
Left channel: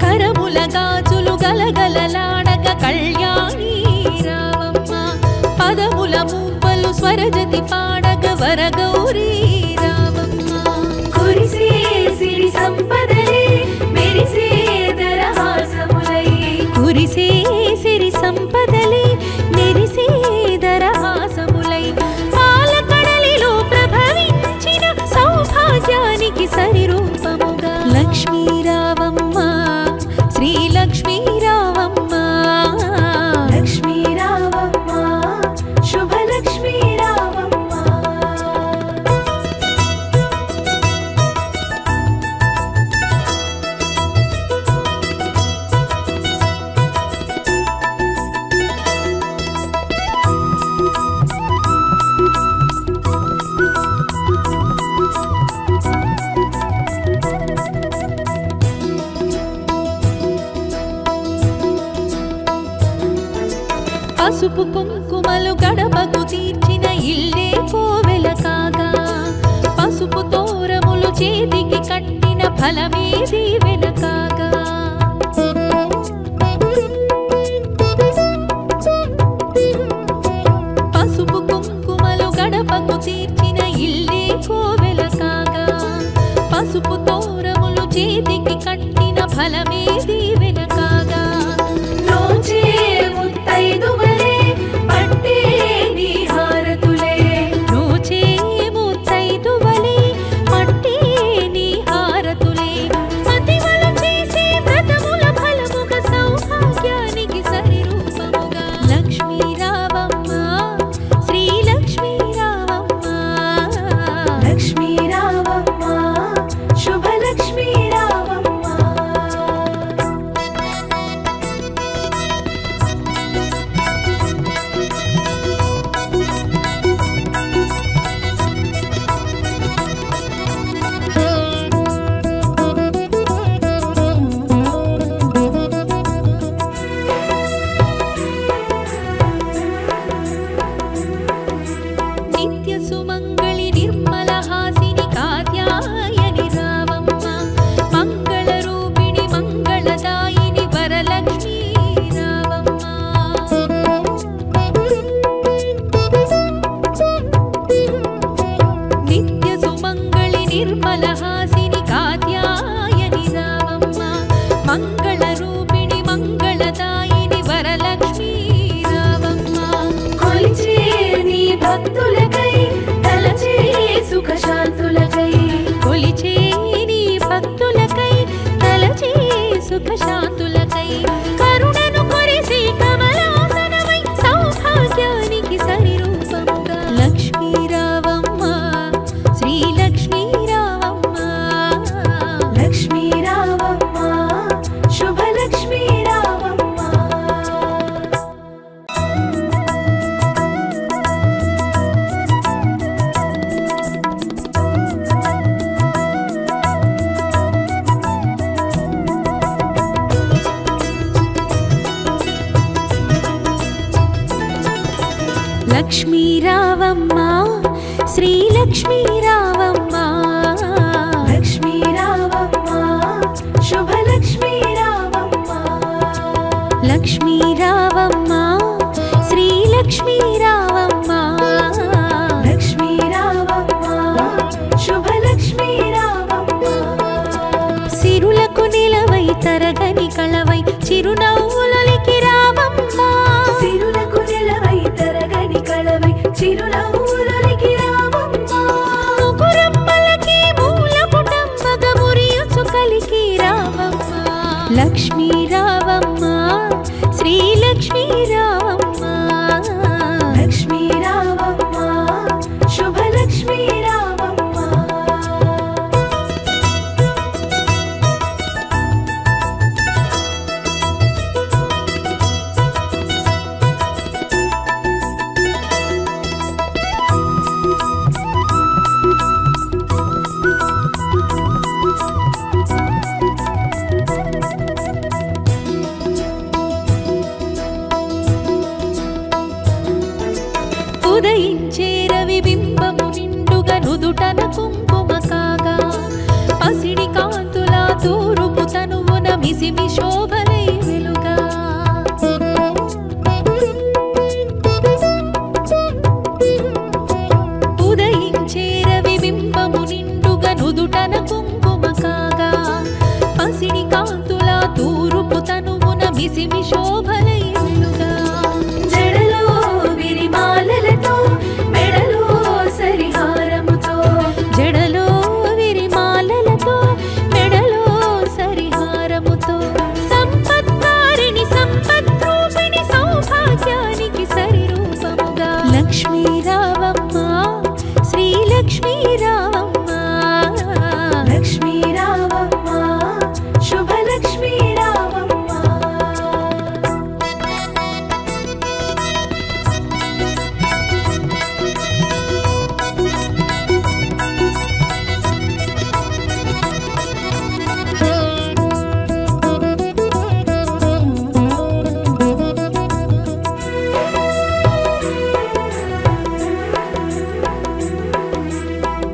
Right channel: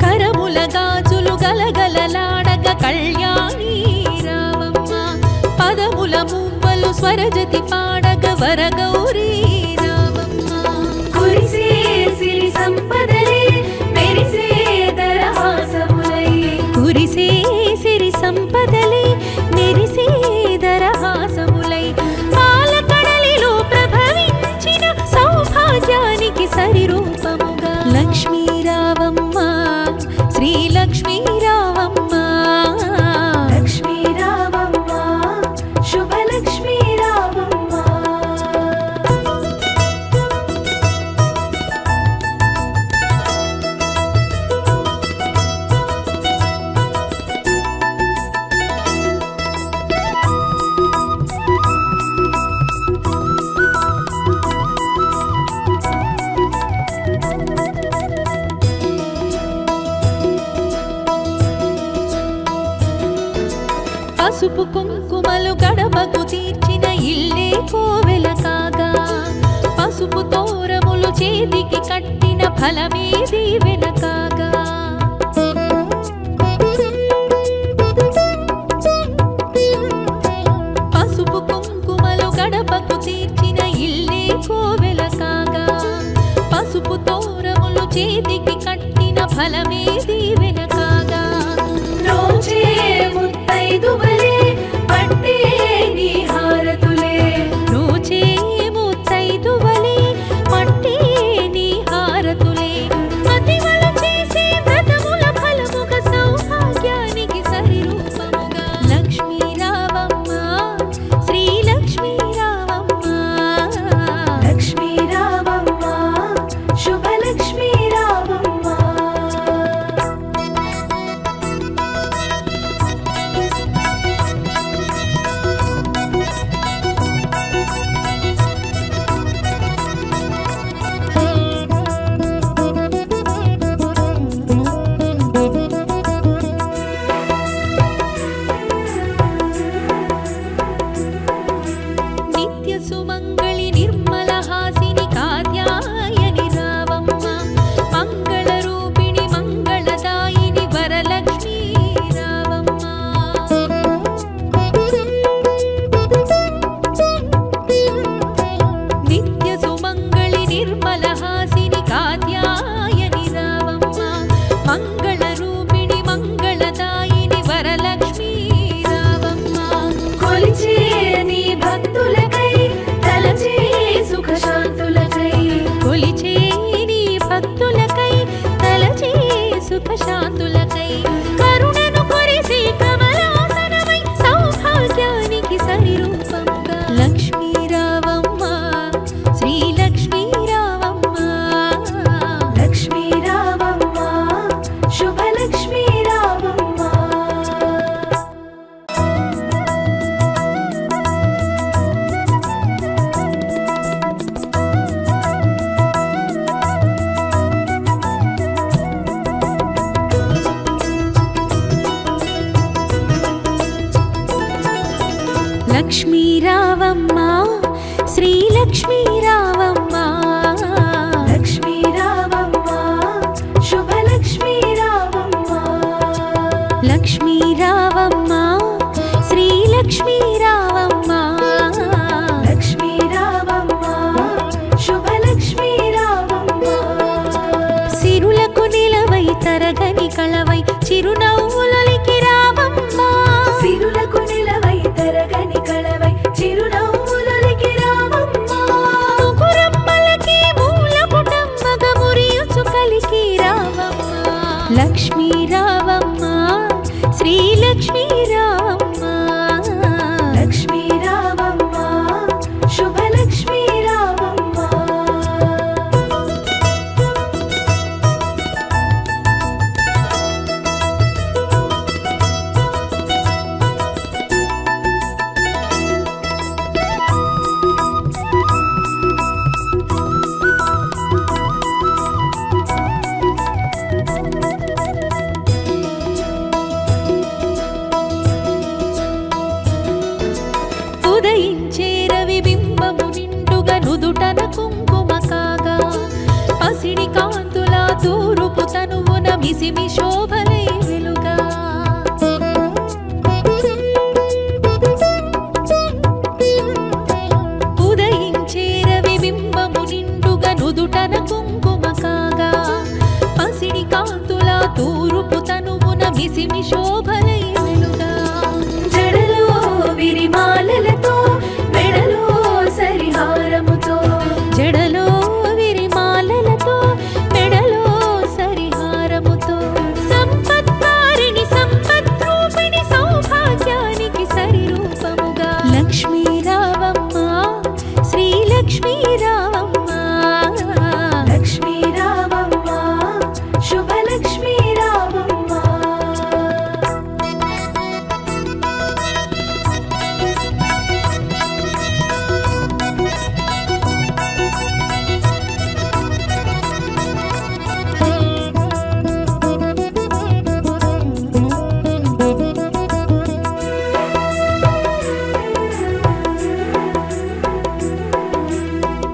కరముల గాజులు గలగలలాడగ కళ్యాణి రావమ్మ పదముల మూవలు స్వరజతి పాడగ వరగౌరీ రావమ్మ కురిసే సిరి సంపదలే మెరిసే దరహాసములై కురిసే సిరి సంపదలే మెరిసే దరహాసములై పాలకడలిలో ప్రభవించిన సౌభాగ్యానికి సరిరూపముగా లక్ష్మీ రావమ్మ శ్రీ లక్ష్మీ రావమ్మ లక్ష్మీ రావమ్మ శుభలక్ష్మీ రావమ్మ పసుపు కుంకుమలు గడపకు తీర్చిన ఇల్లే కోవెల కాగా పసుపు తోరములు చేతికి కట్టిన ఫలమే దీవెన కాగా పసుపు కుంకుమలు గడపకు తీర్చిన ఇల్లే కోవెల కాగా పసుపు తోరములు చేతికి కట్టిన ఫలమే దీవెన కాగా రోజే ముత్తైదు సుమంగళి నిర్మల హాసిని కాత్యాయని రావమ్మ మంగళ రూపిణి మంగళదాయిని వరలక్ష్మీ రావమ్మ నిత్య సుమంగళి నిర్మల హాసిని కాత్యాయని రావమ్మ మంగళ రూపిణి మంగళదాయిని వరలక్ష్మీ రావమ్మ కొలిచే నీ భక్తులకై తలచే సుఖ శాంతులకై కొలిచే నీ భక్తులకై తలచే సుఖ శాంతులకై కరుణను కొరిసే కమలాసనమై సౌభాగ్యానికి సరిరూపముగా లక్ష్మీ రావమ్మ శ్రీ లక్ష్మీ రావమ్మ లక్ష్మీ రావమ్మ శుభలక్ష్మీ రావమ్మ లక్ష్మీ రావమ్మ శ్రీ లక్ష్మీ రావమ్మ లక్ష్మీ రావమ్మ శుభలక్ష్మీ రావమ్మ లక్ష్మీ రావమ్మ శ్రీ లక్ష్మీ రావమ్మ లక్ష్మీ రావమ్మ శుభలక్ష్మీ రావమ్మ సిరులకు నిలవై తరగని కళవై చిరునవ్వులకి రావమ్మ సిరులకు నిలవై తరగని కళవై చిరునవ్వులకి రావమ్మ ముగురమ్మలకి మూల పుటమ్మగ మురియుచు కలికి రావమ్మ లక్ష్మీ రావమ్మ శ్రీ లక్ష్మీ రావమ్మ లక్ష్మీ రావమ్మ శుభలక్ష్మీ రావమ్మ ఉదయించే రవి బింబము నిండుగా నుదుటన కుంకుమ కాగా పసిడి కాంతుల తూరుపు తనువున మిసిమి శోభలై వెలుగా ఉదయించే రవి బింబము నిండుగా నుదుటన కుంకుమ కాగా పసిడి కాంతుల తూరుపు తనువున మిసిమి శోభలై వెలుగా జడలో విరిమాలలతో మెడలో సరిహారముతో జడలో విరిమాలలతో మెడలో సరిహారముతో సంపత్కారిణి సంపద్రూపిణి సౌభాగ్యానికి సరిరూపముగా లక్ష్మీ రావమ్మ శ్రీ లక్ష్మీ రావమ్మ లక్ష్మీ రావమ్మ శుభలక్ష్మీ రావమ్మ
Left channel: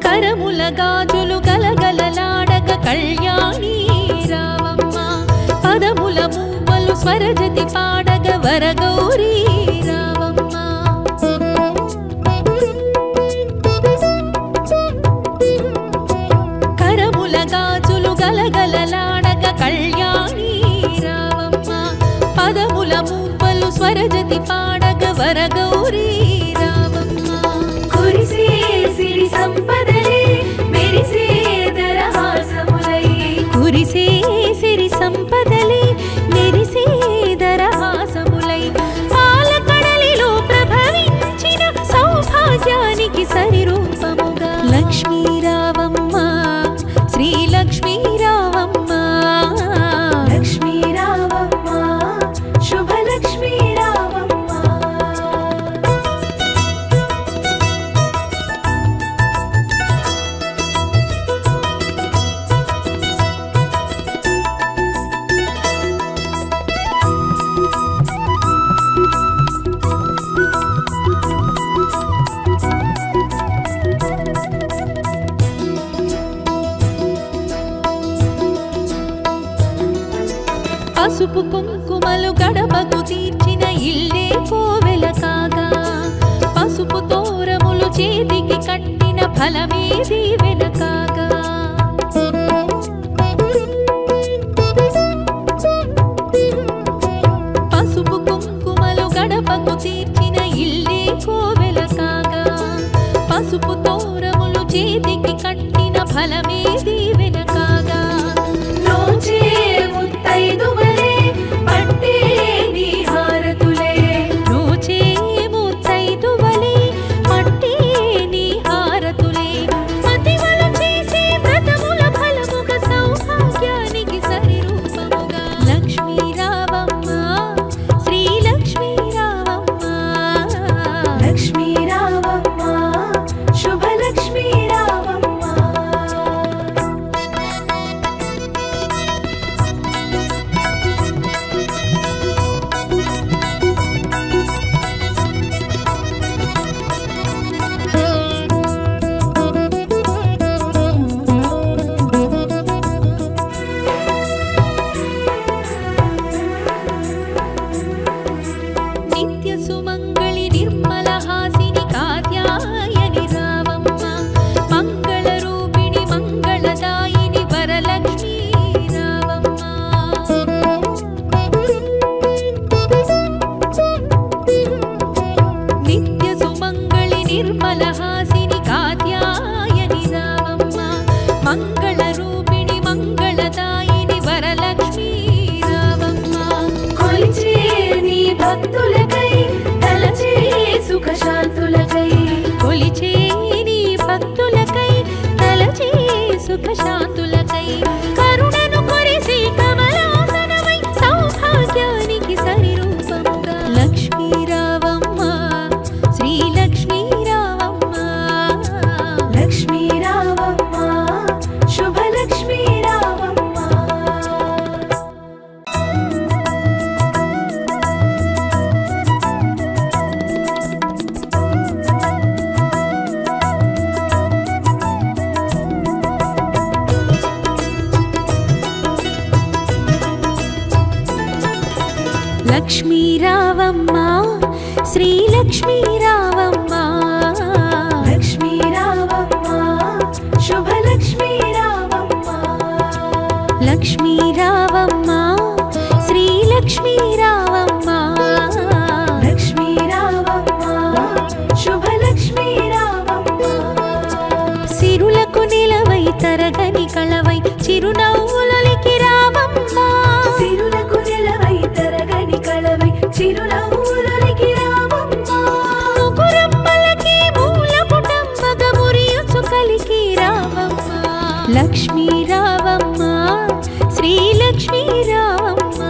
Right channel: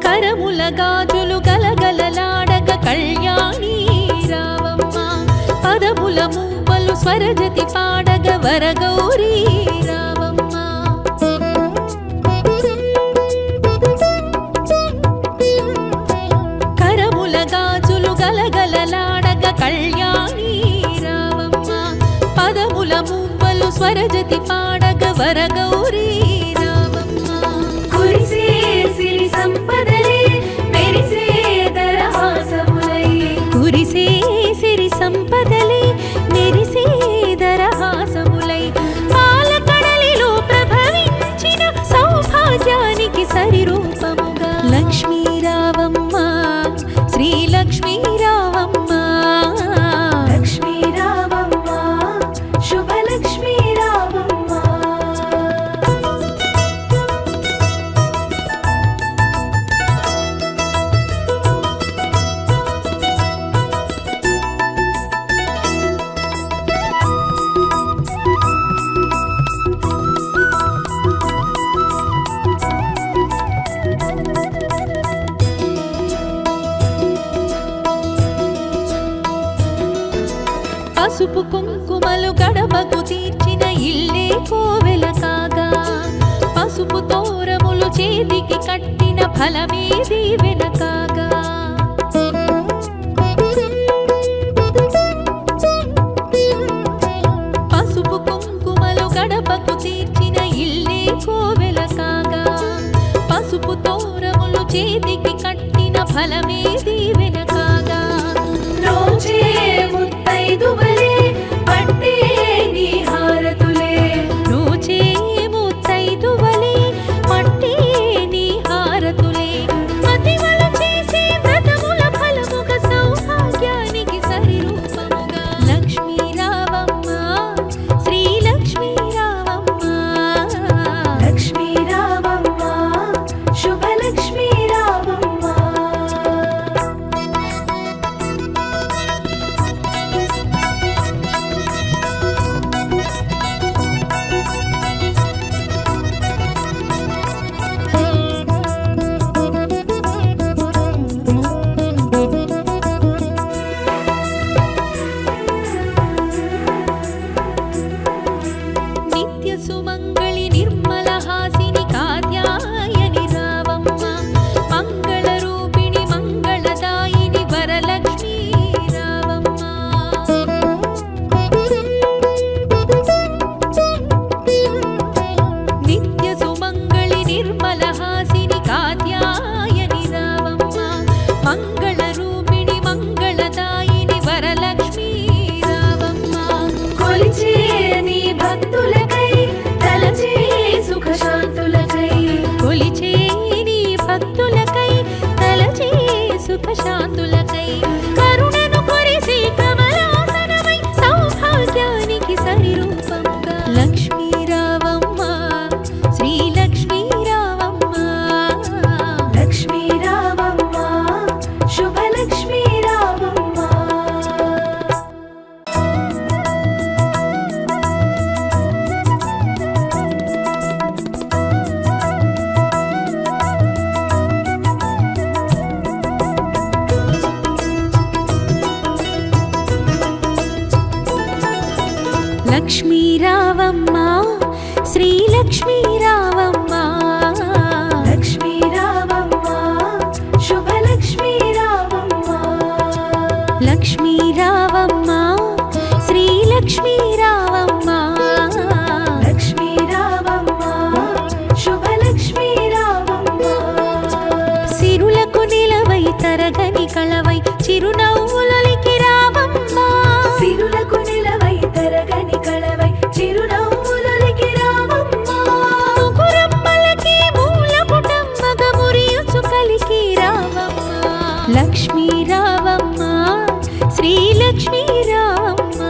కరముల గాజులు గలగలలాడగ కళ్యాణి రావమ్మ పదముల మూవలు స్వరజతి పాడగ వరగౌరీ రావమ్మ కరముల గాజులు గలగలలాడగ కళ్యాణి రావమ్మ పదముల మూవలు స్వరజతి పాడగ వరగౌరీ రావమ్మ కురిసే సిరి సంపదలే మెరిసే దరహాసములై కురిసే సిరి సంపదలే మెరిసే దరహాసములై పాలకడలిలో ప్రభవించిన సౌభాగ్యానికి సరిరూపముగా లక్ష్మీ రావమ్మ శ్రీ లక్ష్మీ రావమ్మ లక్ష్మీ రావమ్మ శుభలక్ష్మీ రావమ్మ పసుపు కుంకుమలు గడపకు తీర్చిన ఇల్లే కోవెల కాగా పసుపు తోరములు చేతికి కట్టిన ఫలమే దీవెన కాగా పసుపు కుంకుమలు గడపకు తీర్చిన ఇల్లే కోవెల కాగా పసుపు తోరములు చేతికి కట్టిన ఫలమే దీవెన కాగా రోజే ముత్తైదువలే పట్టే నీ హారతులే రోజే ముత్తైదువలే పట్టే నీ హారతులే మతివలు చేసే వ్రతముల ఫలముగా సౌభాగ్యానికి సరి రూపముగా లక్ష్మీ రావమ్మ శ్రీ లక్ష్మీ రావమ్మ లక్ష్మీ రావమ్మ శుభలక్ష్మీ రావమ్మ నిత్య సుమంగళి నిర్మల హాసిని కాత్యాయని రావమ్మ మంగళ రూపిణి మంగళదాయిని వరలక్ష్మీ రావమ్మ నిత్య సుమంగళి నిర్మల హాసిని కాత్యాయని రావమ్మ మంగళ రూపిణి మంగళదాయిని వరలక్ష్మీ రావమ్మ కొలిచే నీ భక్తులకై తలచే సుఖశాంతులకై కొలిచే నీ భక్తులకై తలచే సుఖశాంతులకై కరుణను కొరిసే కమలాసనమై సౌభాగ్యానికి సరి రూపముగా లక్ష్మీ రావమ్మ శ్రీ లక్ష్మీ రావమ్మ లక్ష్మీ రావమ్మ శుభలక్ష్మీ రావమ్మ లక్ష్మీ రావమ్మ శ్రీ లక్ష్మీ రావమ్మ లక్ష్మీ రావమ్మ శుభలక్ష్మీ రావమ్మ లక్ష్మీ రావమ్మ శ్రీ లక్ష్మీ రావమ్మ లక్ష్మీ రావమ్మ శుభలక్ష్మీ రావమ్మ సిరులకు నిలవై తరగని కళవై చిరునవ్వులకి రావమ్మ సిరులకు నిలవై తరగని కళవై చిరునవ్వులకి రావమ్మ ముగురమ్మలకి మూల పుటమ్మగ మురియుచు కలికి రావమ్మ లక్ష్మీ రావమ్మ శ్రీ లక్ష్మీ రావమ్మ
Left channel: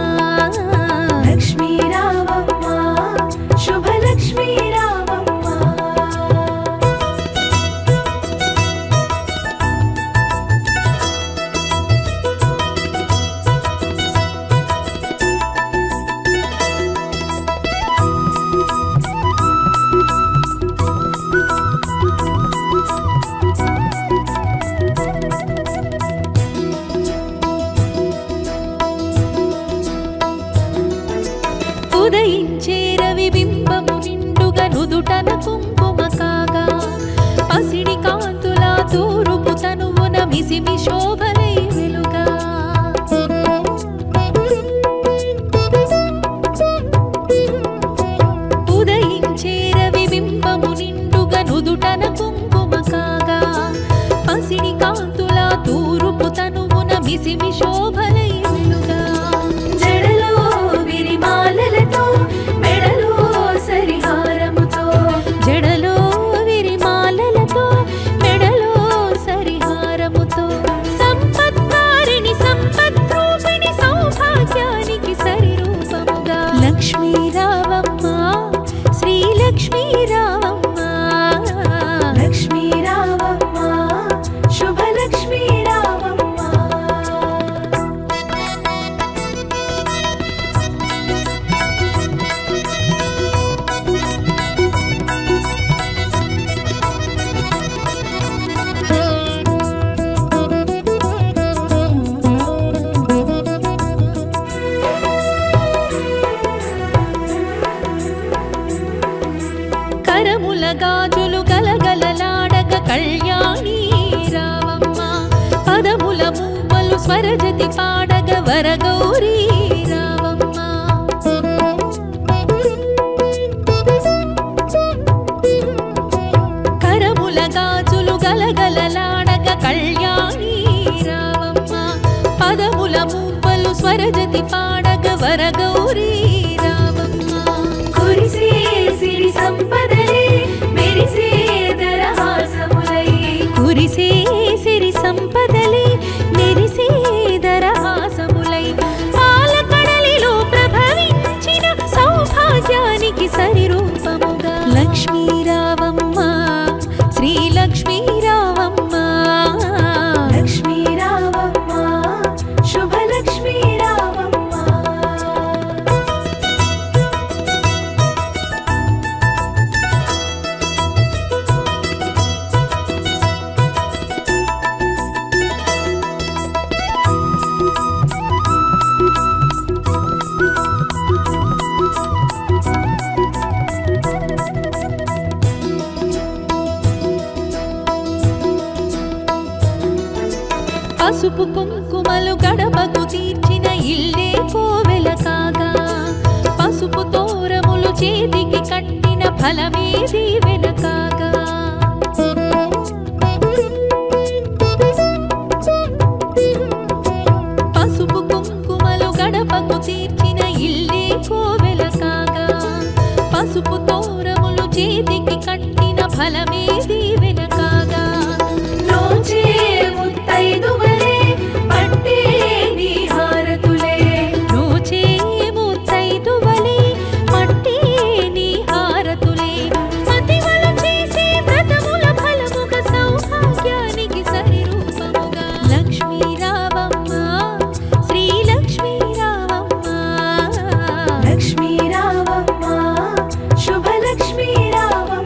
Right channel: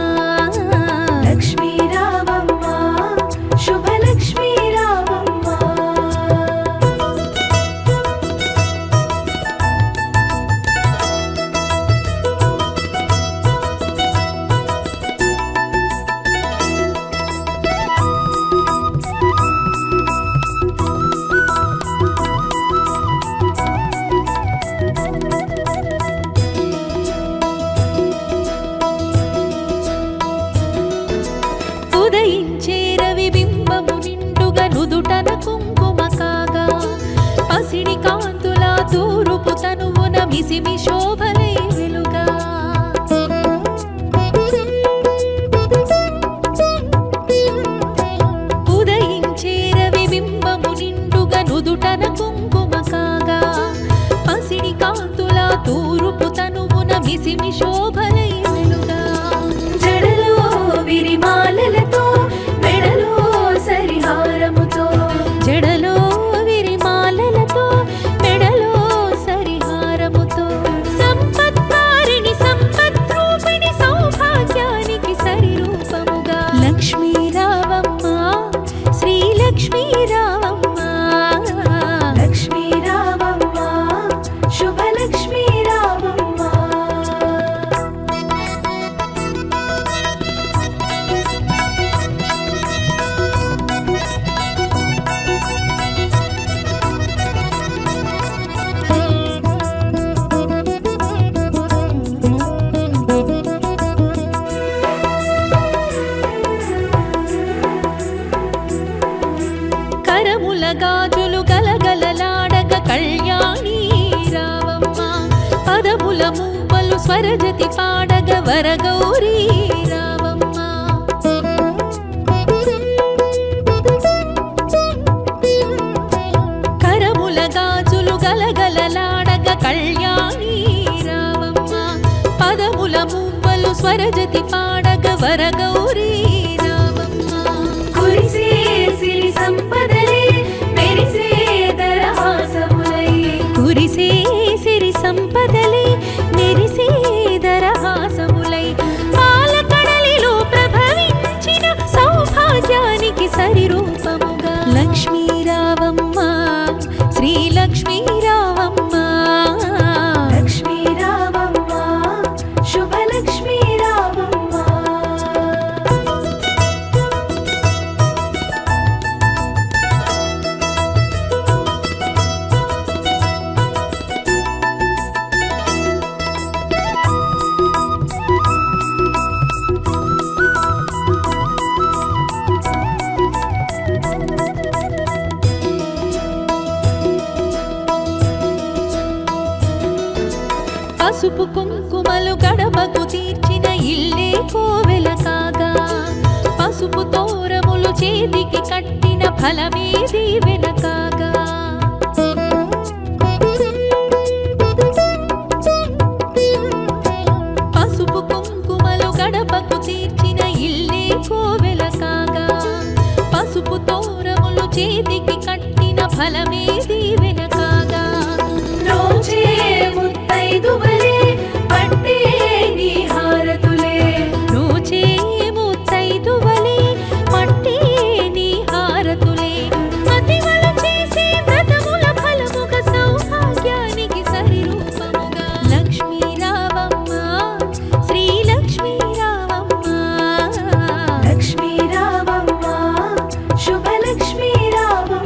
లక్ష్మీ రావమ్మ శుభలక్ష్మీ రావమ్మ ఉదయించే రవి బింబము నిండుగా నుదుటన కుంకుమ కాగా పసిడి కాంతుల తూరుపు తనువున మిసిమి శోభలై వెలుగా ఉదయించే రవి బింబము నిండుగా నుదుటన కుంకుమ కాగా పసిడి కాంతుల తూరుపు తనువున మిసిమి శోభలై వెలుగా జడలో విరిమాలలతో మెడలో సరిహారముతో జడలో విరిమాలలతో మెడలో సరిహారముతో సంపత్కారిణి సంపద్రూపిణి సౌభాగ్యానికి సరి రూపముగా లక్ష్మీ రావమ్మ శ్రీ లక్ష్మీ రావమ్మ లక్ష్మీ రావమ్మ శుభలక్ష్మీ రావమ్మ గలగలలాడగ కళ్యాణి రావమ్మ పదముల మూవలు స్వరజతి పాడగ వరగౌరీ రావమ్మ కరముల గాజులు గలగలలాడగ కళ్యాణి రావమ్మ పదముల మూవలు స్వరజతి పాడగ వరగౌరీ రావమ్మ కురిసే సిరి సంపదలే మెరిసే దరహాసములై కురిసే సిరి సంపదలే మెరిసే దరహాసములై పాలకడలిలో ప్రభవించిన సౌభాగ్యానికి సరిరూపముగా లక్ష్మీ రావమ్మ శ్రీ లక్ష్మీ రావమ్మ లక్ష్మీ రావమ్మ శుభలక్ష్మీ రావమ్మ పసుపు కుంకుమలు గడపకు తీర్చిన ఇల్లే కోవెల కాగా పసుపు తోరములు చేతికి కట్టిన ఫలమే దీవెన కాగా పసుపు కుంకుమలు గడపకు తీర్చిన ఇల్లే కోవెల కాగా పసుపు తోరములు చేతికి కట్టిన ఫలమే దీవెన కాగా రోజే ముత్తైదువలే పట్టే నీ హారతులే నోచే ముత్తైదువలే పట్టే నీ హారతులే మతివలు చేసే వ్రతముల ఫలముగ సౌభాగ్యానికి సరిరూపముగా లక్ష్మీ రావమ్మ శ్రీ లక్ష్మీ రావమ్మ లక్ష్మీ రావమ్మ శుభలక్ష్మీ రావమ్మ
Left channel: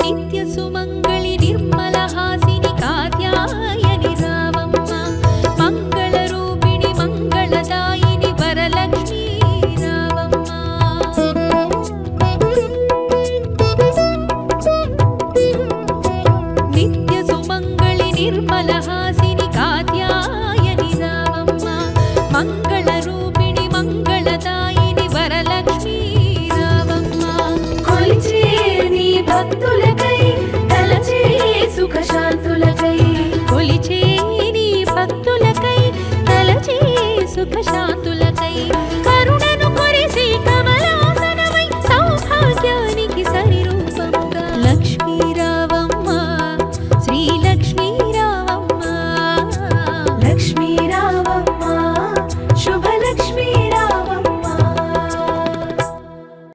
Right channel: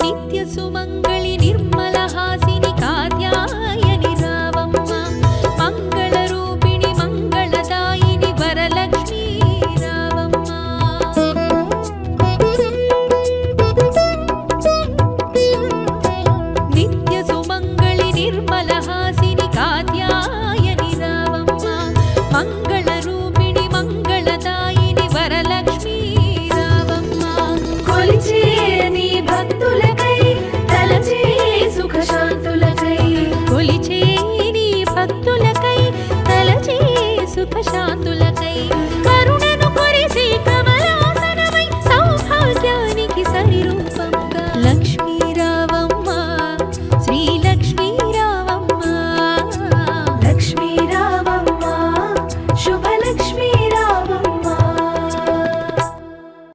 నిత్య సుమంగళి నిర్మల హాసిని కాత్యాయని రావమ్మ మంగళ రూపిణి మంగళదాయిని వరలక్ష్మీ రావమ్మ నిత్య సుమంగళి నిర్మల హాసిని కాత్యాయని రావమ్మ మంగళ రూపిణి మంగళదాయిని వరలక్ష్మీ రావమ్మ కొలిచే నీ భక్తులకై తలచే సుఖశాంతులకై కొలిచే నీ భక్తులకై తలచే సుఖశాంతులకై కరుణను కొరిసే కమలాసనమై సౌభాగ్యానికి సరిరూపముగా లక్ష్మీ